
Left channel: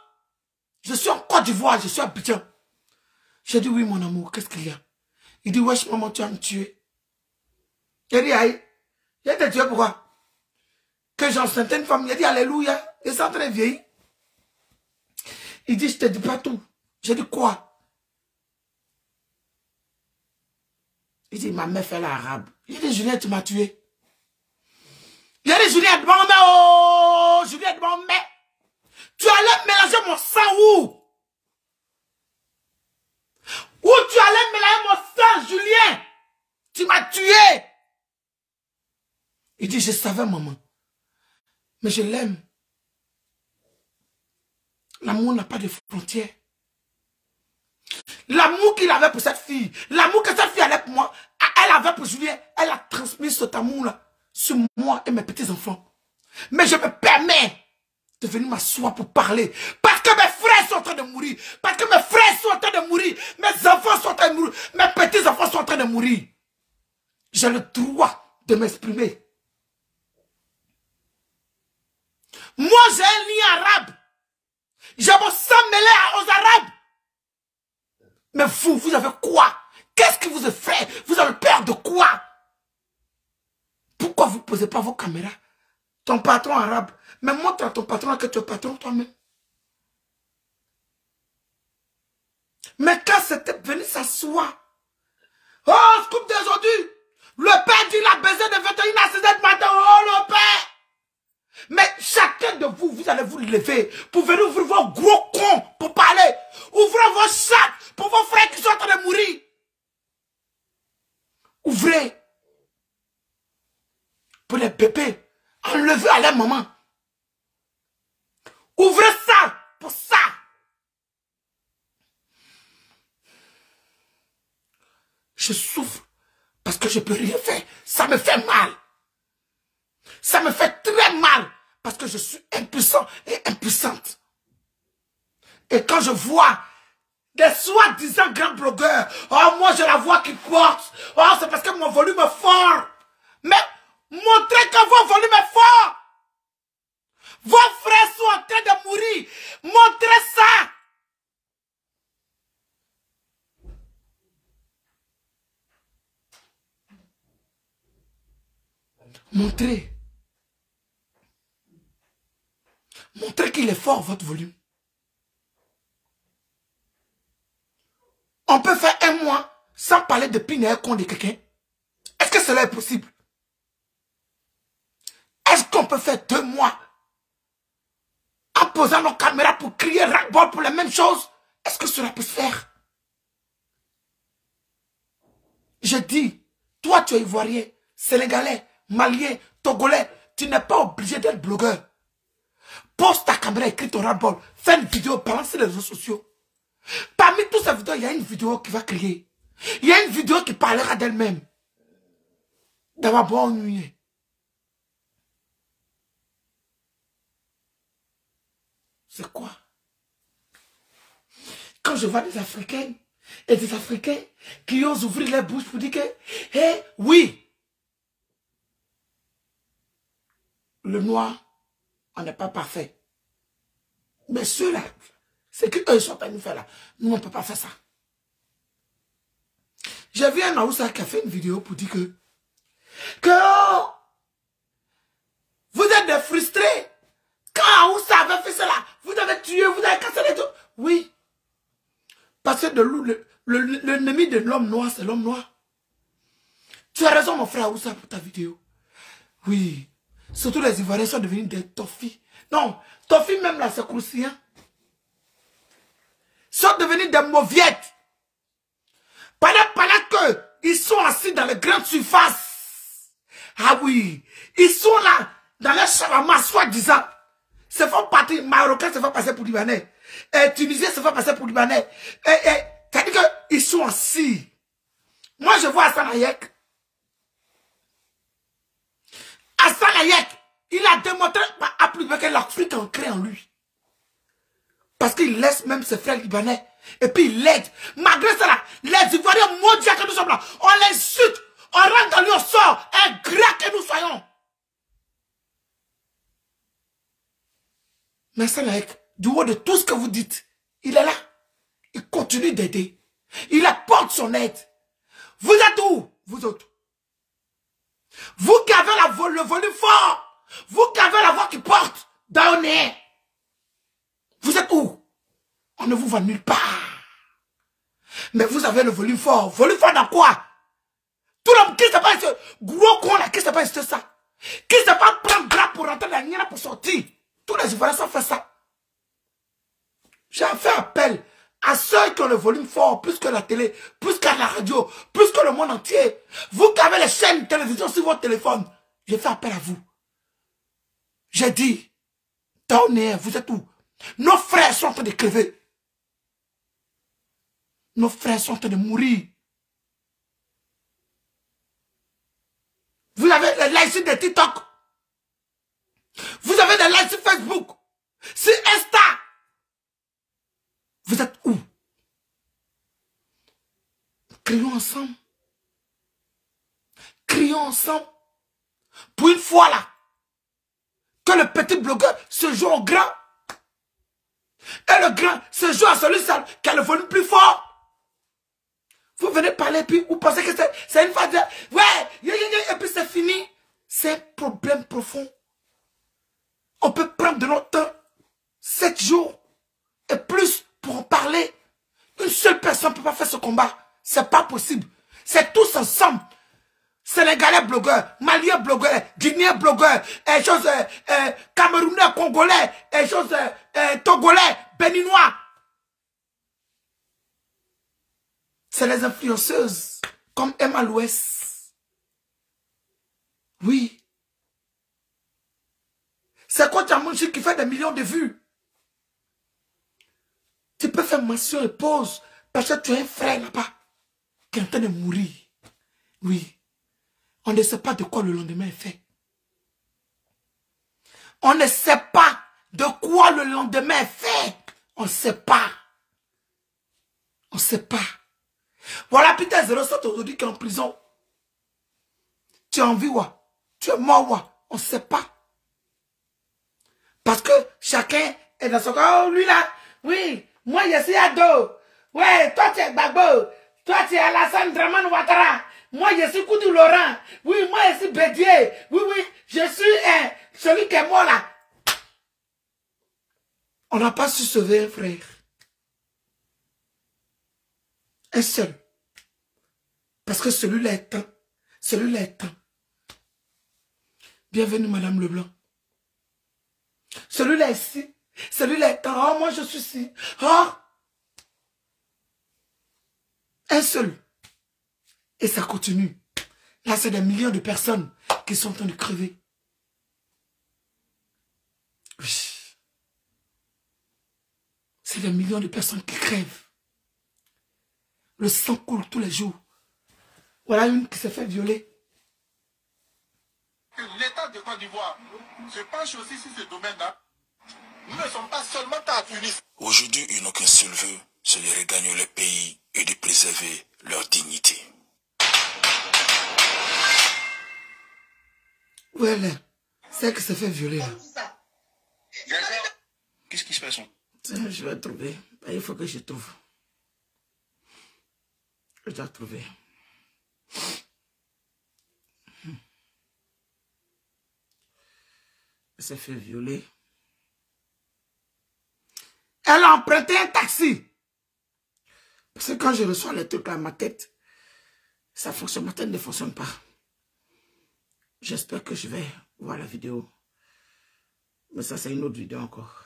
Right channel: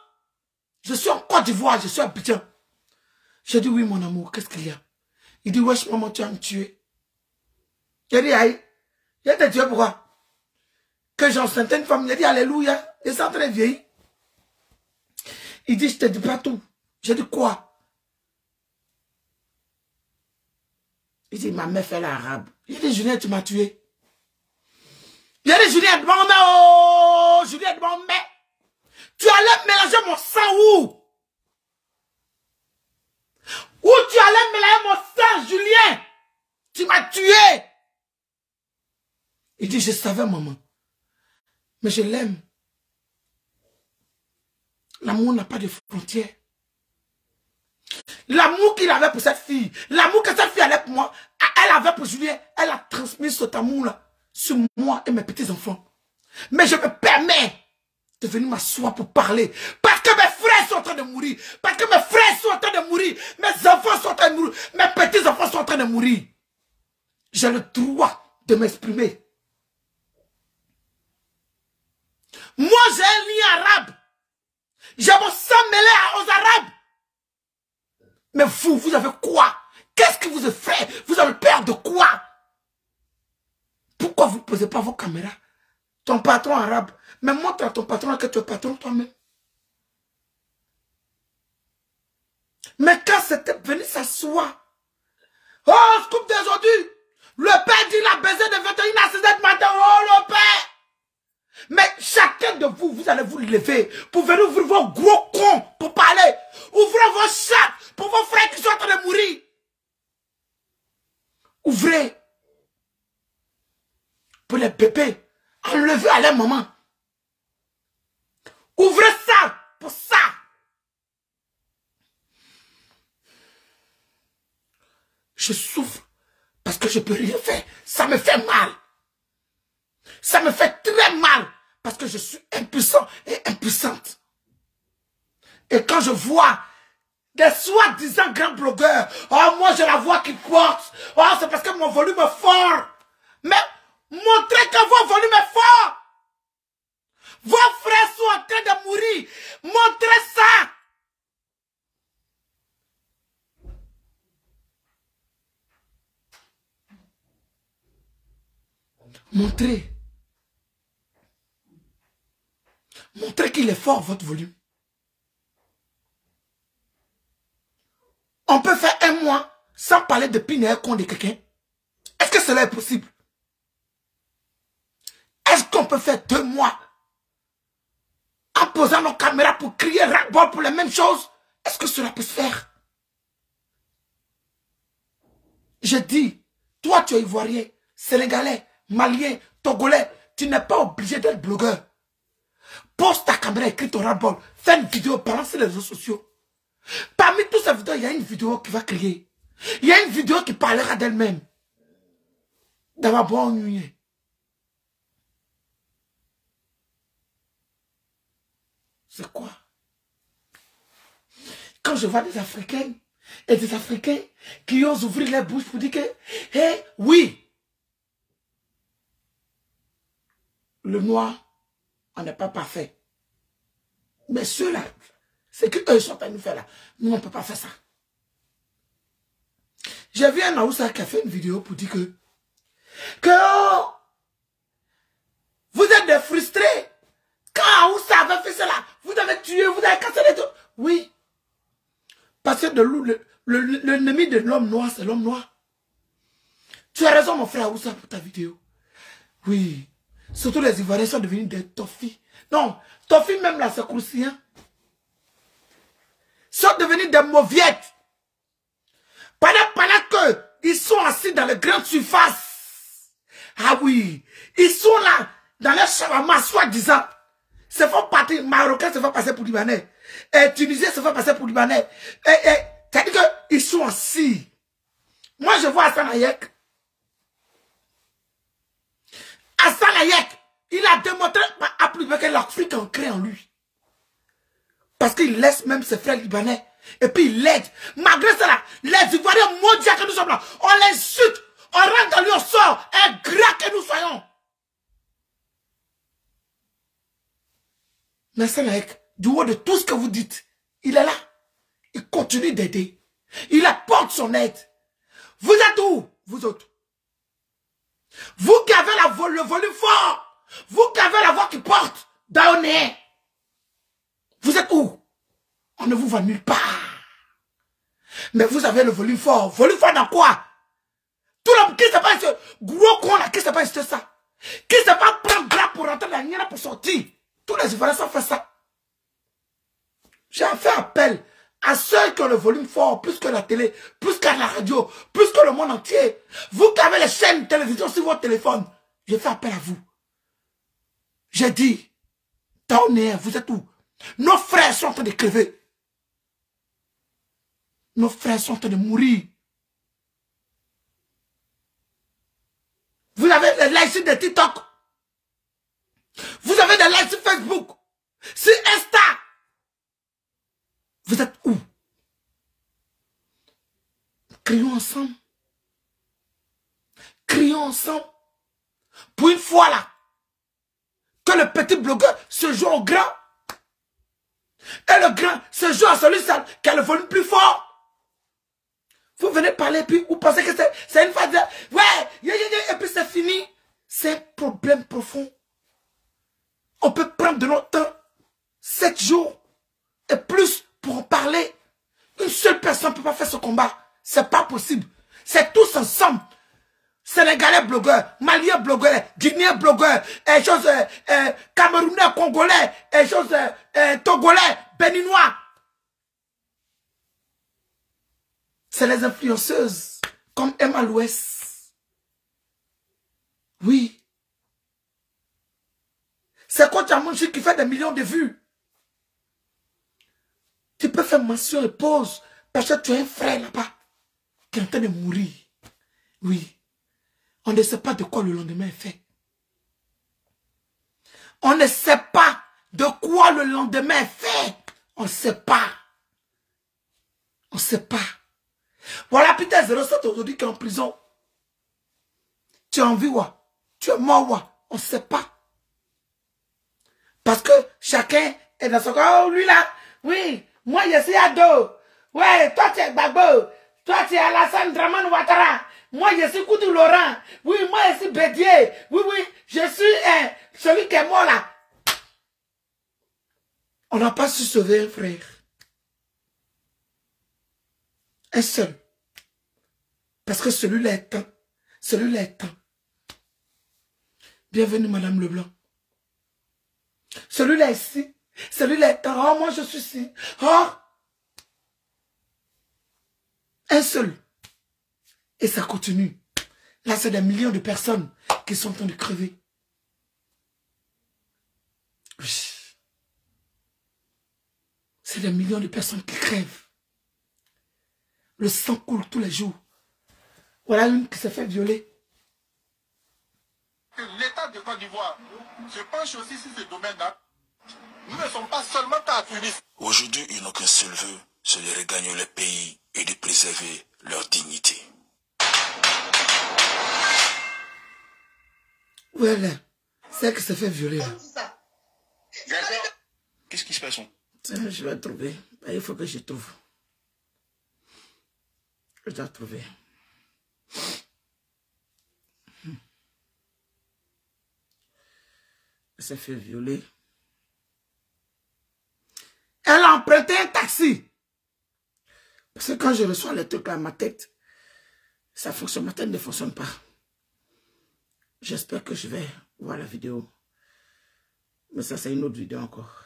Je suis en Côte d'Ivoire, je suis à Abidjan. J'ai dit oui mon amour, qu'est-ce qu'il y a? Il dit wesh maman, tu vas me tuer. J'ai dit aïe. J'ai été tué pourquoi? Que j'enceinte une femme. J'ai dit alléluia. Et ça très vieilli. Il dit je te dis pas tout. J'ai dit quoi? Il dit ma mère fait l'arabe. J'ai dit Julien tu m'as tué. J'ai dit Julien demande oh Julien demande mais tu allais mélanger mon sang où? Où tu allais mélanger mon sang Julien? Tu m'as tué. Il dit je savais maman. Mais je l'aime. L'amour n'a pas de frontières. L'amour qu'il avait pour cette fille, l'amour que cette fille avait pour moi, elle avait pour Julien, elle a transmis cet amour-là sur moi et mes petits-enfants. Mais je me permets de venir m'asseoir pour parler. Parce que mes frères sont en train de mourir. Parce que mes frères sont en train de mourir. Mes enfants sont en train de mourir. Mes petits-enfants sont en train de mourir. J'ai le droit de m'exprimer. Moi, j'ai un lien arabe. J'ai mon sang mêlé aux Arabes. Mais vous avez quoi? Qu'est-ce que vous avez fait? Vous avez peur de quoi? Pourquoi vous ne posez pas vos caméras? Ton patron arabe. Mais montre à ton patron que tu es patron toi-même. Mais quand c'était venu s'asseoir. Oh, scoop d'aujourd'hui. Le père dit il a baisé de 21 à 6 matin. Oh, le père. Mais chacun de vous, vous allez vous lever pour venir ouvrir vos gros cons pour parler. Ouvrez vos sacs pour vos frères qui sont en train de mourir. Ouvrez. Pour les bébés. Enlevez à leur maman. Ouvrez ça pour ça. Je souffre parce que je ne peux rien faire. Ça me fait mal. Ça me fait très mal parce que je suis impuissant et impuissante. Et quand je vois des soi-disant grands blogueurs, oh moi j'ai la voix qui porte, oh c'est parce que mon volume est fort. Mais montrez que votre volume est fort. Vos frères sont en train de mourir. Montrez ça. Montrez. Montrez qu'il est fort, votre volume. On peut faire un mois sans parler de pinaire contre quelqu'un. Est-ce que cela est possible? Est-ce qu'on peut faire 2 mois en posant nos caméras pour crier ras-le-bol pour les mêmes choses? Est-ce que cela peut se faire? Je dis, toi tu es ivoirien, sénégalais, malien, togolais, tu n'es pas obligé d'être blogueur. Pose ta caméra, écris ton ras-le-bol, fais une vidéo, balance sur les réseaux sociaux. Parmi toutes ces vidéos, il y a une vidéo qui va crier. Il y a une vidéo qui parlera d'elle-même. D'avoir bonne nuit. C'est quoi? Quand je vois des Africaines et des Africains qui osent ouvrir les bouches pour dire que, hey, oui, le noir, on n'est pas parfait. Mais ceux-là, c'est qu'eux sont en train de faire là. Nous, on ne peut pas faire ça. J'ai vu un Aoussa qui a fait une vidéo pour dire que oh, vous êtes des frustrés. Quand Aoussa avait fait cela, vous avez tué, vous avez cassé les dos. Oui. Parce que l'ennemi de l'homme noir, c'est l'homme noir. Tu as raison, mon frère Aoussa, pour ta vidéo. Oui. Surtout les Ivoiriens sont devenus des toffis. Non, toffis même là, c'est croustillant. Sont devenus des mauviettes. Pendant qu'ils sont assis dans les grandes surfaces, Ah oui, ils sont là, dans leur shawarma, soi-disant. Se font partir, Marocains se font passer pour Libanais. Et Tunisiens se font passer pour Libanais. C'est-à-dire qu'ils sont assis. Moi, je vois Hassan Hayek. Hassan Hayek, il a démontré à plus que l'Afrique ancrée en lui. Parce qu'il laisse même ses frères libanais. Et puis il l'aide. Malgré cela, les Ivoiriens mondiaux que nous sommes là, on l'insulte, on rentre dans lui, on sort, un grec que nous soyons. Mais Hassan Hayek, du haut de tout ce que vous dites, il est là. Il continue d'aider. Il apporte son aide. Vous êtes où, vous autres? Vous qui avez le volume fort, vous qui avez la voix qui porte dans le nez, vous êtes où? On ne vous voit nulle part. Mais vous avez le volume fort. Volume fort dans quoi? Tout le monde qui sait pas ce gros con là, qui sait pas c'est ça? Qui sait pas prendre bras pour rentrer dans la nienne pour sortir? Tous les Ivoiriens ont fait ça. J'ai fait appel à ceux qui ont le volume fort, plus que la télé, plus que la radio, plus que le monde entier. Vous qui avez les chaînes de télévision sur votre téléphone, j'ai fait appel à vous. J'ai dit, Taoné, vous êtes où? Nos frères sont en train de crever. Nos frères sont en train de mourir. Vous avez des likes de TikTok. Vous avez des likes sur Facebook. Sur Insta. Vous êtes où? Crions ensemble. Crions ensemble. Pour une fois là, que le petit blogueur se joue au grand. Et le grand se joue à celui qui a le volume plus fort. Vous venez parler, puis vous pensez que c'est une phase de... Ouais, et puis c'est fini. C'est un problème profond. On peut prendre de notre temps, 7 jours et plus pour en parler. Une seule personne ne peut pas faire ce combat. C'est pas possible. C'est tous ensemble. Sénégalais blogueurs, Maliens blogueurs, Guinéens blogueurs, Camerounais, Congolais, Togolais, Béninois. C'est les influenceuses comme Emma Louès. Oui. C'est quand tu as mangé qui fait des millions de vues. Tu peux faire mention et pause parce que tu as un frère là-bas qui est en train de mourir. Oui. On ne sait pas de quoi le lendemain est fait. On ne sait pas de quoi le lendemain est fait. On ne sait pas. On ne sait pas. Voilà Peter 07 aujourd'hui qui est en prison. Tu es en vie, wa. Tu es mort, wa. On ne sait pas. Parce que chacun est dans son corps. Oh, lui là, oui, moi je suis Ado. Ouais, toi tu es Gbagbo. Toi tu es Alassane Dramane Ouattara. Moi je suis Koudou Laurent. Oui, moi je suis Bédier. Oui, je suis celui qui est mort là. On n'a pas su sauver un frère. Un seul. Parce que celui-là est temps. Celui-là est temps. Bienvenue, Madame Leblanc. Celui-là ici. Celui-là est temps. Oh, moi je suis ici. Oh. Un seul. Et ça continue. Là, c'est des millions de personnes qui sont en train de crever. C'est des millions de personnes qui crèvent. Le sang coule tous les jours. Voilà une qui s'est fait violer. L'État de Côte d'Ivoire se penche aussi sur ce domaine-là. Nous ne sommes pas seulement à Tunis. Aujourd'hui, ils n'ont qu'un seul vœu, c'est de regagner le pays et de préserver leur dignité. Voilà. C'est qui s'est fait violer là. Qu'est-ce qui se passe? Je vais trouver. Il faut que je trouve. Je dois trouver. Elle s'est fait violer. Elle a emprunté un taxi. Parce que quand je reçois les trucs à ma tête, ça fonctionne, ma tête ne fonctionne pas. J'espère que je vais voir la vidéo. Mais ça, c'est une autre vidéo encore.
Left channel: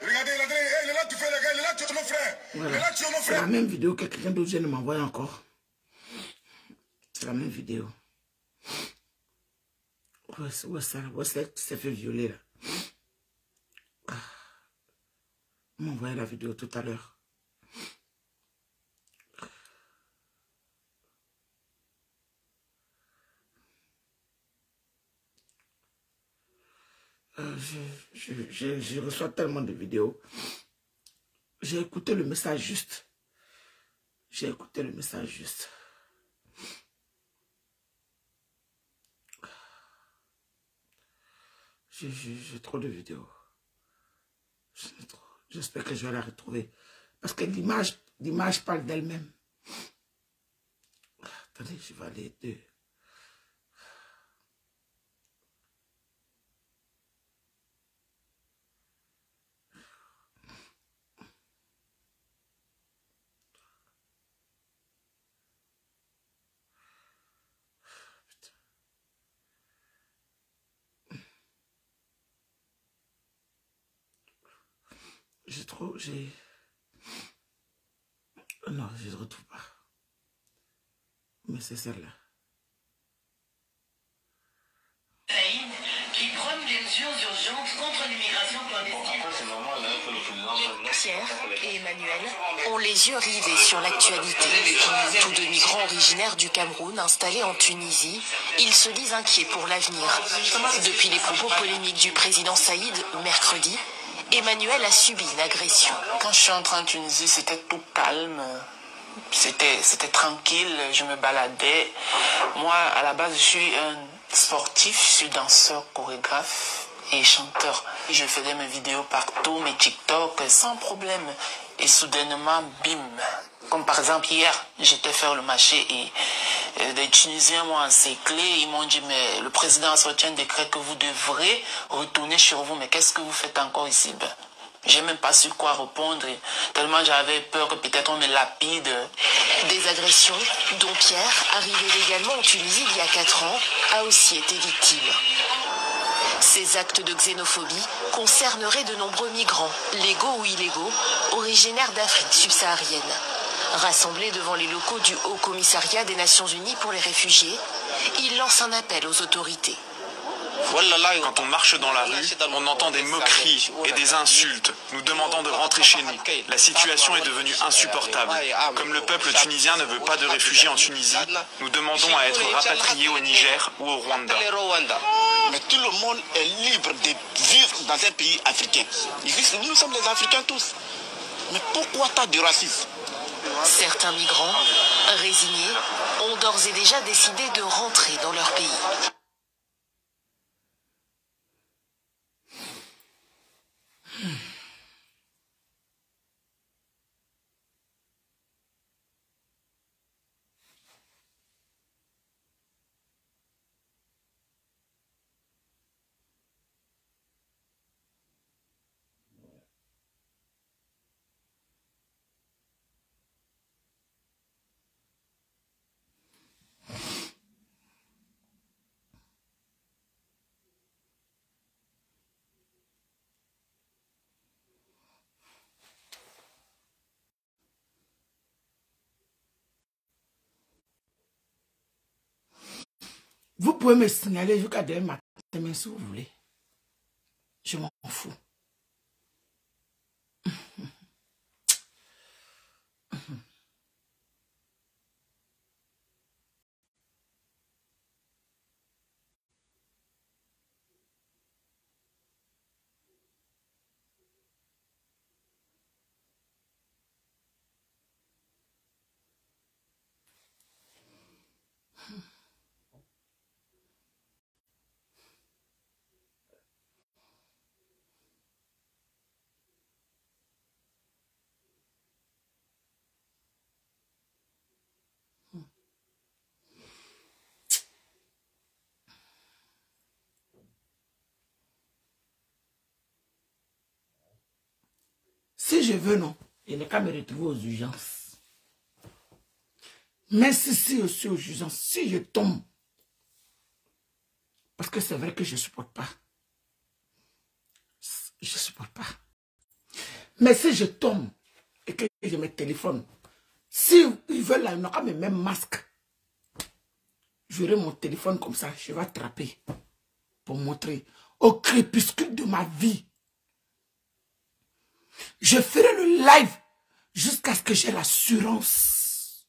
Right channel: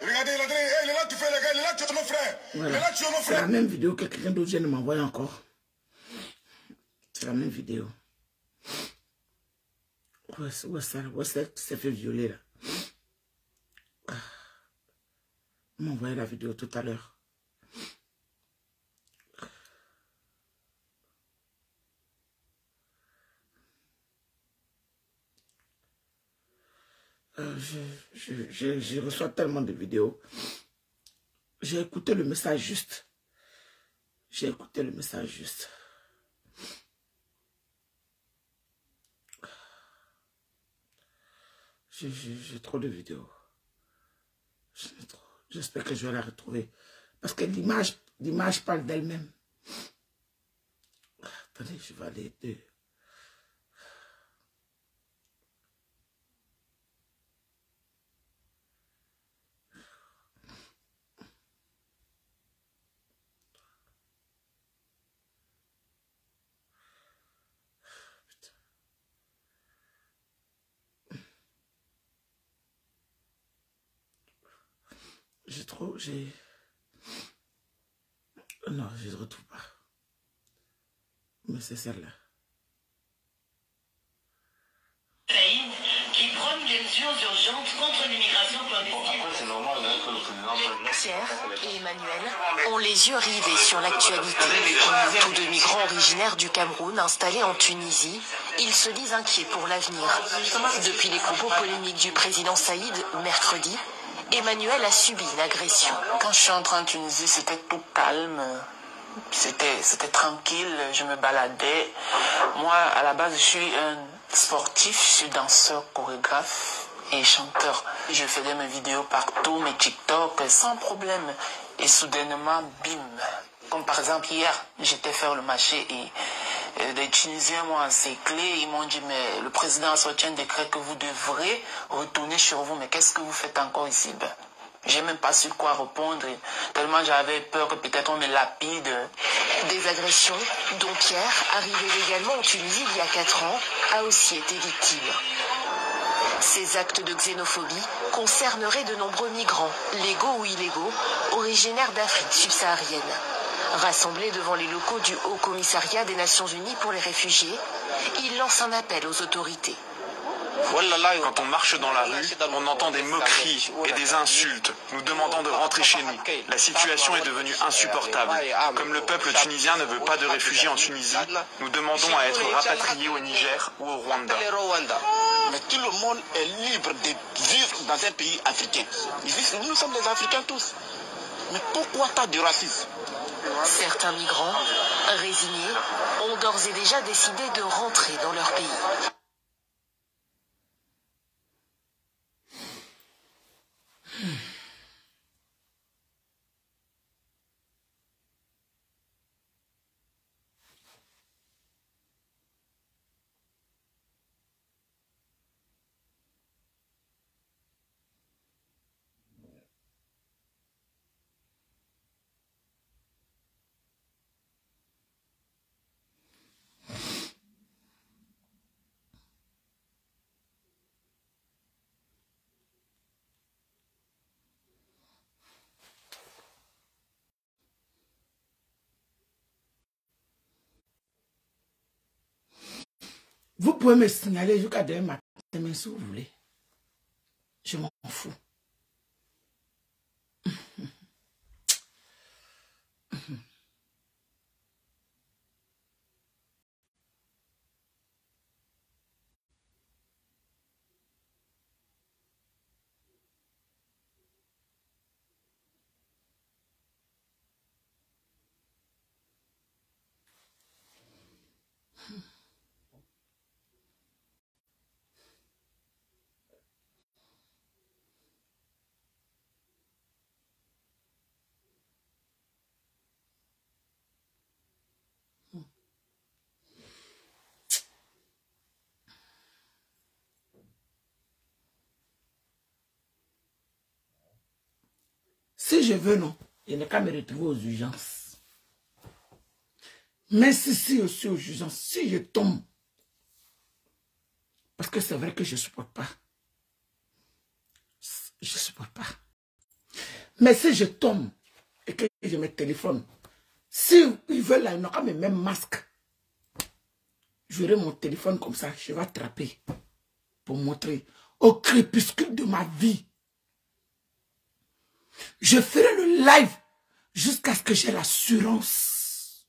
Regardez, il est là, tu fais le gars, il est là, tu es mon frère. frères. Voilà. Il est là, tuer nos C'est frères. la même vidéo que quelqu'un d'autre vient de m'envoyer encore. C'est la même vidéo. Où est ça? Où est-ce qui s'est fait violer là? On m'a envoyé la vidéo tout à l'heure. Je reçois tellement de vidéos. J'ai écouté le message juste. J'ai écouté le message juste. J'ai trop de vidéos. J'espère que je vais la retrouver. Parce que l'image parle d'elle-même. Attendez, je vais aller de... Non, je ne retrouve pas. Mais c'est celle-là. Qui prône des mesures urgentes contre l'immigration clandestine. Pierre et Emmanuel ont les yeux rivés sur l'actualité. Tous deux migrants originaires du Cameroun installés en Tunisie, ils se disent inquiets pour l'avenir. Depuis les propos polémiques du président Saïd mercredi, Emmanuel a subi une agression. Quand je suis entré en Tunisie, c'était tout calme. C'était tranquille, je me baladais. Moi, à la base, je suis un sportif, je suis danseur, chorégraphe et chanteur. Je faisais mes vidéos partout, mes TikTok, sans problème. Et soudainement, bim. Comme par exemple, hier, j'étais faire le marché et des Tunisiens m'ont encerclé. Ils m'ont dit, mais le président a sorti un décret que vous devrez retourner chez vous. Mais qu'est-ce que vous faites encore ici? J'ai même pas su quoi répondre, tellement j'avais peur que peut-être on me lapide. Des agressions dont Pierre, arrivé légalement en Tunisie il y a 4 ans, a aussi été victime. Ces actes de xénophobie concerneraient de nombreux migrants, légaux ou illégaux, originaires d'Afrique subsaharienne. Rassemblés devant les locaux du Haut Commissariat des Nations Unies pour les réfugiés, ils lancent un appel aux autorités. Quand on marche dans la rue, on entend des moqueries et des insultes, nous demandant de rentrer chez nous. La situation est devenue insupportable. Comme le peuple tunisien ne veut pas de réfugiés en Tunisie, nous demandons à être rapatriés au Niger ou au Rwanda. Mais tout le monde est libre de vivre dans un pays africain. Nous sommes les Africains tous. Mais pourquoi tant de racisme? Certains migrants, résignés, ont d'ores et déjà décidé de rentrer dans leur pays. Vous pouvez me signaler jusqu'à demain matin, si vous voulez. Je m'en fous. Si je veux, non, il n'est qu'à me retrouver aux urgences. Mais si aussi aux urgences, si je tombe, parce que c'est vrai que je ne supporte pas. Je ne supporte pas. Mais si je tombe et que je me téléphone, si ils veulent là, ils n'ont pas mes mêmes masques. J'aurai mon téléphone comme ça, je vais attraper pour montrer au crépuscule de ma vie. Je ferai le live jusqu'à ce que j'ai l'assurance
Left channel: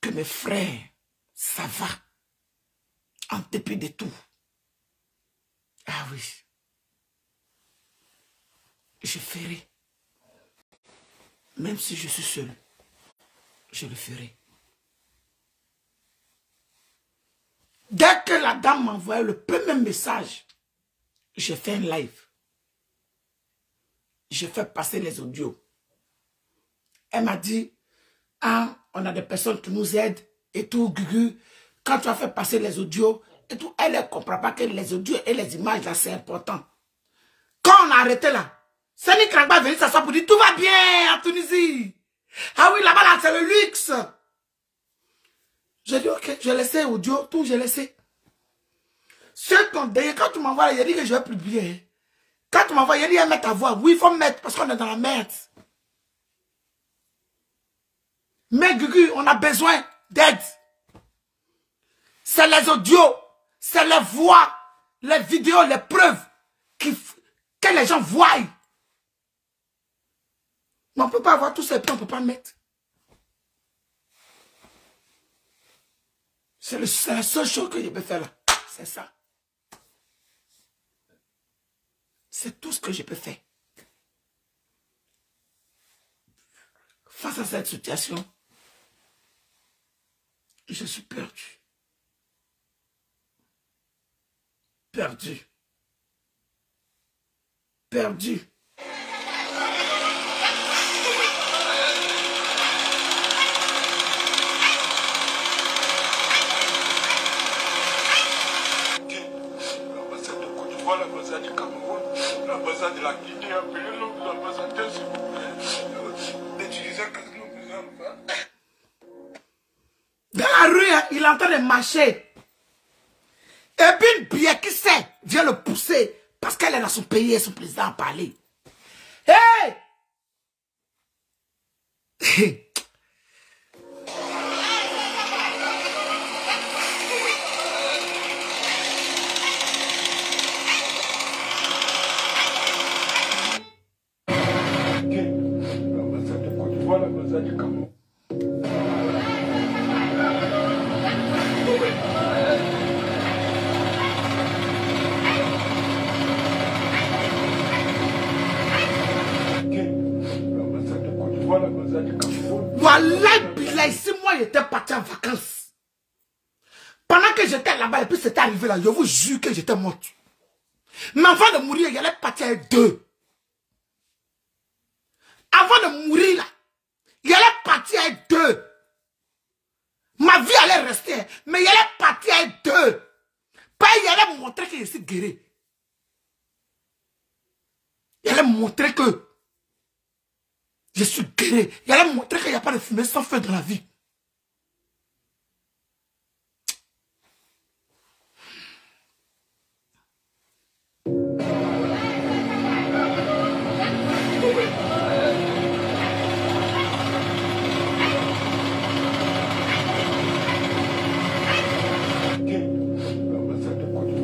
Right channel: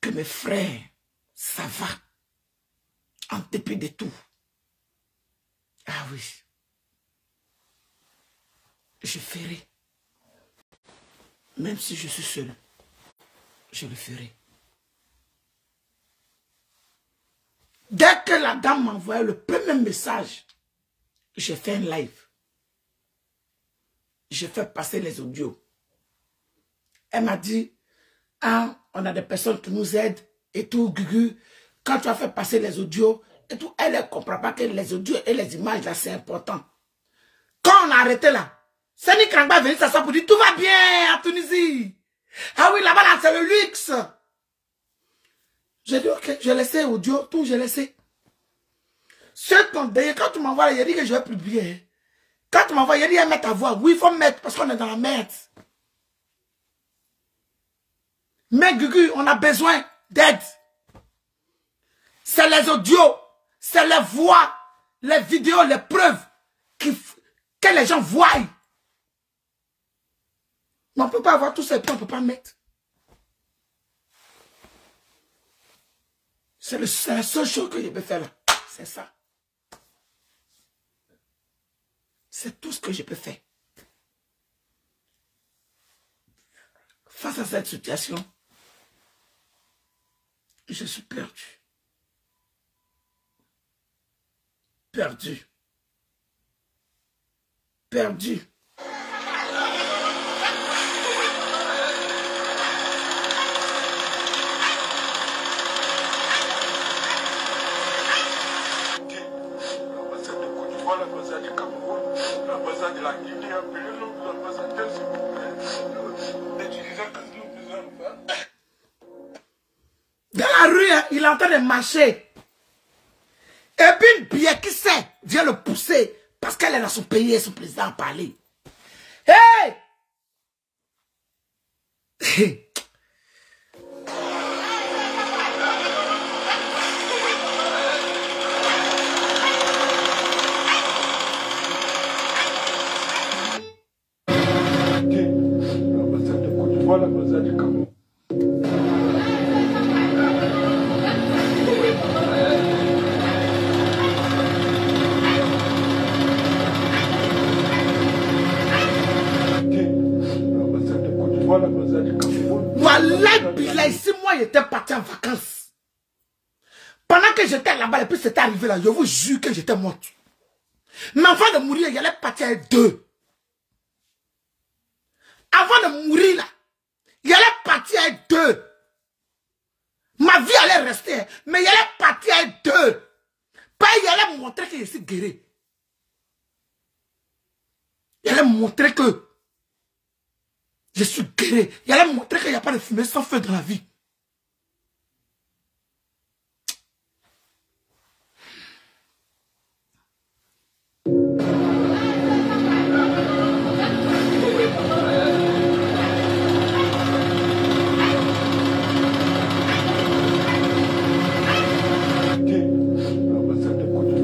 que mes frères, ça va, en dépit de tout. Ah oui, je ferai. Même si je suis seul, je le ferai. Dès que la dame m'a envoyé le premier message, j'ai fait un live. Je fais passer les audios. Elle m'a dit, ah, on a des personnes qui nous aident et tout, Gugu. Quand tu as fait passer les audios et tout, elle ne comprend pas que les audios et les images là, c'est important. Quand on a arrêté là, Sani Krangba est venu s'asseoir pour dire, tout va bien à Tunisie. Ah oui, là-bas, là, c'est le luxe. J'ai dit, ok, je laissais audio, tout, je laissais. C'est ton délire, quand tu m'envoies, il a dit que je vais publier. Quand tu m'envoies, il a dit, mettre ta voix. Oui, il faut mettre, parce qu'on est dans la merde. Mais Gugu, on a besoin d'aide. C'est les audios, c'est les voix, les vidéos, les preuves que les gens voient. Mais on ne peut pas avoir tout ça et puis on ne peut pas mettre. C'est la seule chose que je peux faire là. C'est ça. C'est tout ce que je peux faire. Face à cette situation, je suis perdu. Perdu. Perdu. L'ambassade du Cameroun, l'ambassade de la Guinée, appelez-le, l'ambassadeur, s'il vous plaît. D'utiliser dans la rue, hein, il est en train de marcher. Et puis une bière qui sait vient le pousser parce qu'elle est dans son pays et son président a parlé. Hey! Hey! l'ambassade du Cameroun. Voilà, Bilay, si moi j'étais parti en vacances, pendant que j'étais là-bas, et puis c'était arrivé là, je vous jure que j'étais morte. Mais avant de mourir, il allait partir avec deux. Avant de mourir là, il allait partir avec deux. Ma vie allait rester, mais il allait partir avec deux. Pas il allait me montrer que je suis guéri. Il allait me montrer que je suis guéri. Il allait me montrer qu'il n'y a pas de fumée sans feu dans la vie.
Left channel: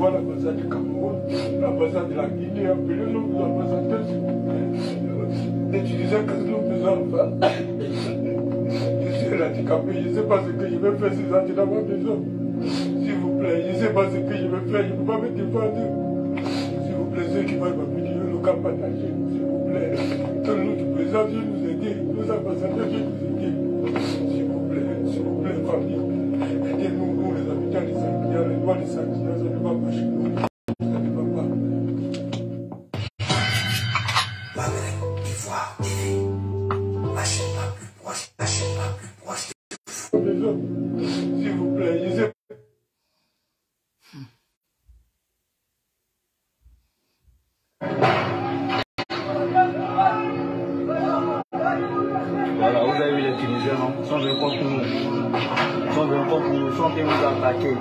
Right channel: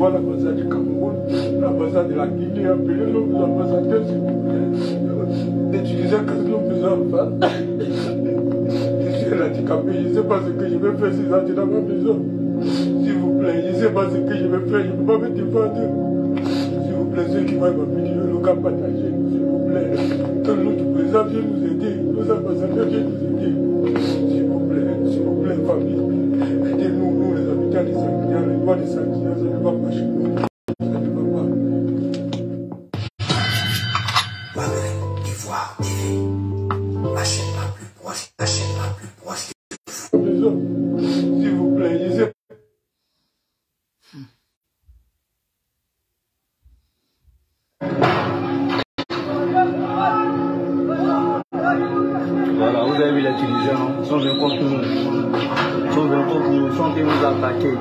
L'ambassade du Cameroun, l'ambassade de la Guinée, appelez-le, l'ambassadeur, s'il vous plaît, d'utiliser ce que nous besoin de faire. Je suis handicapé, je ne sais pas ce que je vais faire si j'entre dans ma maison. S'il vous plaît, je ne sais pas ce que je vais faire, je ne peux pas me défendre. S'il vous plaît, ceux qui vont me dire le cas partagé, s'il vous plaît, que nous du président vienne nous aider, nos ambassadeurs viennent nous aider. S'il vous plaît, famille, aidez-nous, nous les habitants des Sanguiniens, les lois des Sanguiniens, ça ne va pas chez nous. Ça ne va pas. Babel, Ivoire, TV, la chaîne la plus proche, la chaîne la plus proche. S'il vous plaît, je sais. Voilà, vous avez vu les Tunisiens, ils sont venus contre nous. Ils sont venus contre nous, ils sont venus nous attaquer.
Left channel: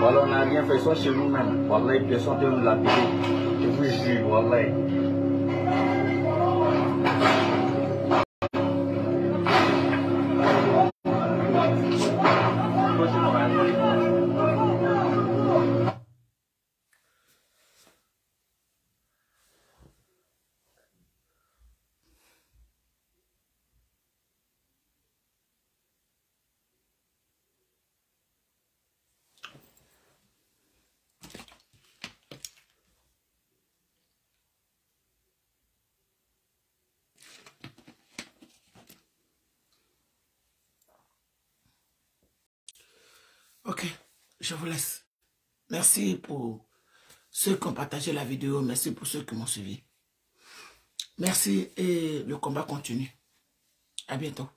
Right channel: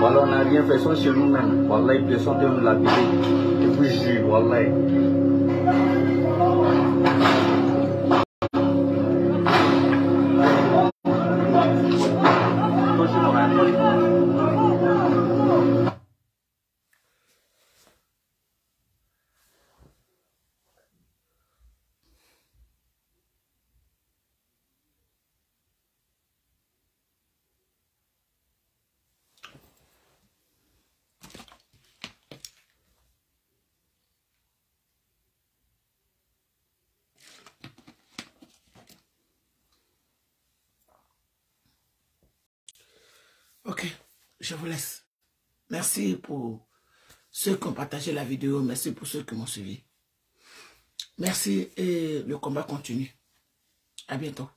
Voilà, on n'a rien fait, ils sont chez nous-mêmes. Voilà, ils sont venus nous lapider. Je vous jure, voilà. je vous laisse. Merci pour ceux qui ont partagé la vidéo. Merci pour ceux qui m'ont suivi. Merci et le combat continue. À bientôt.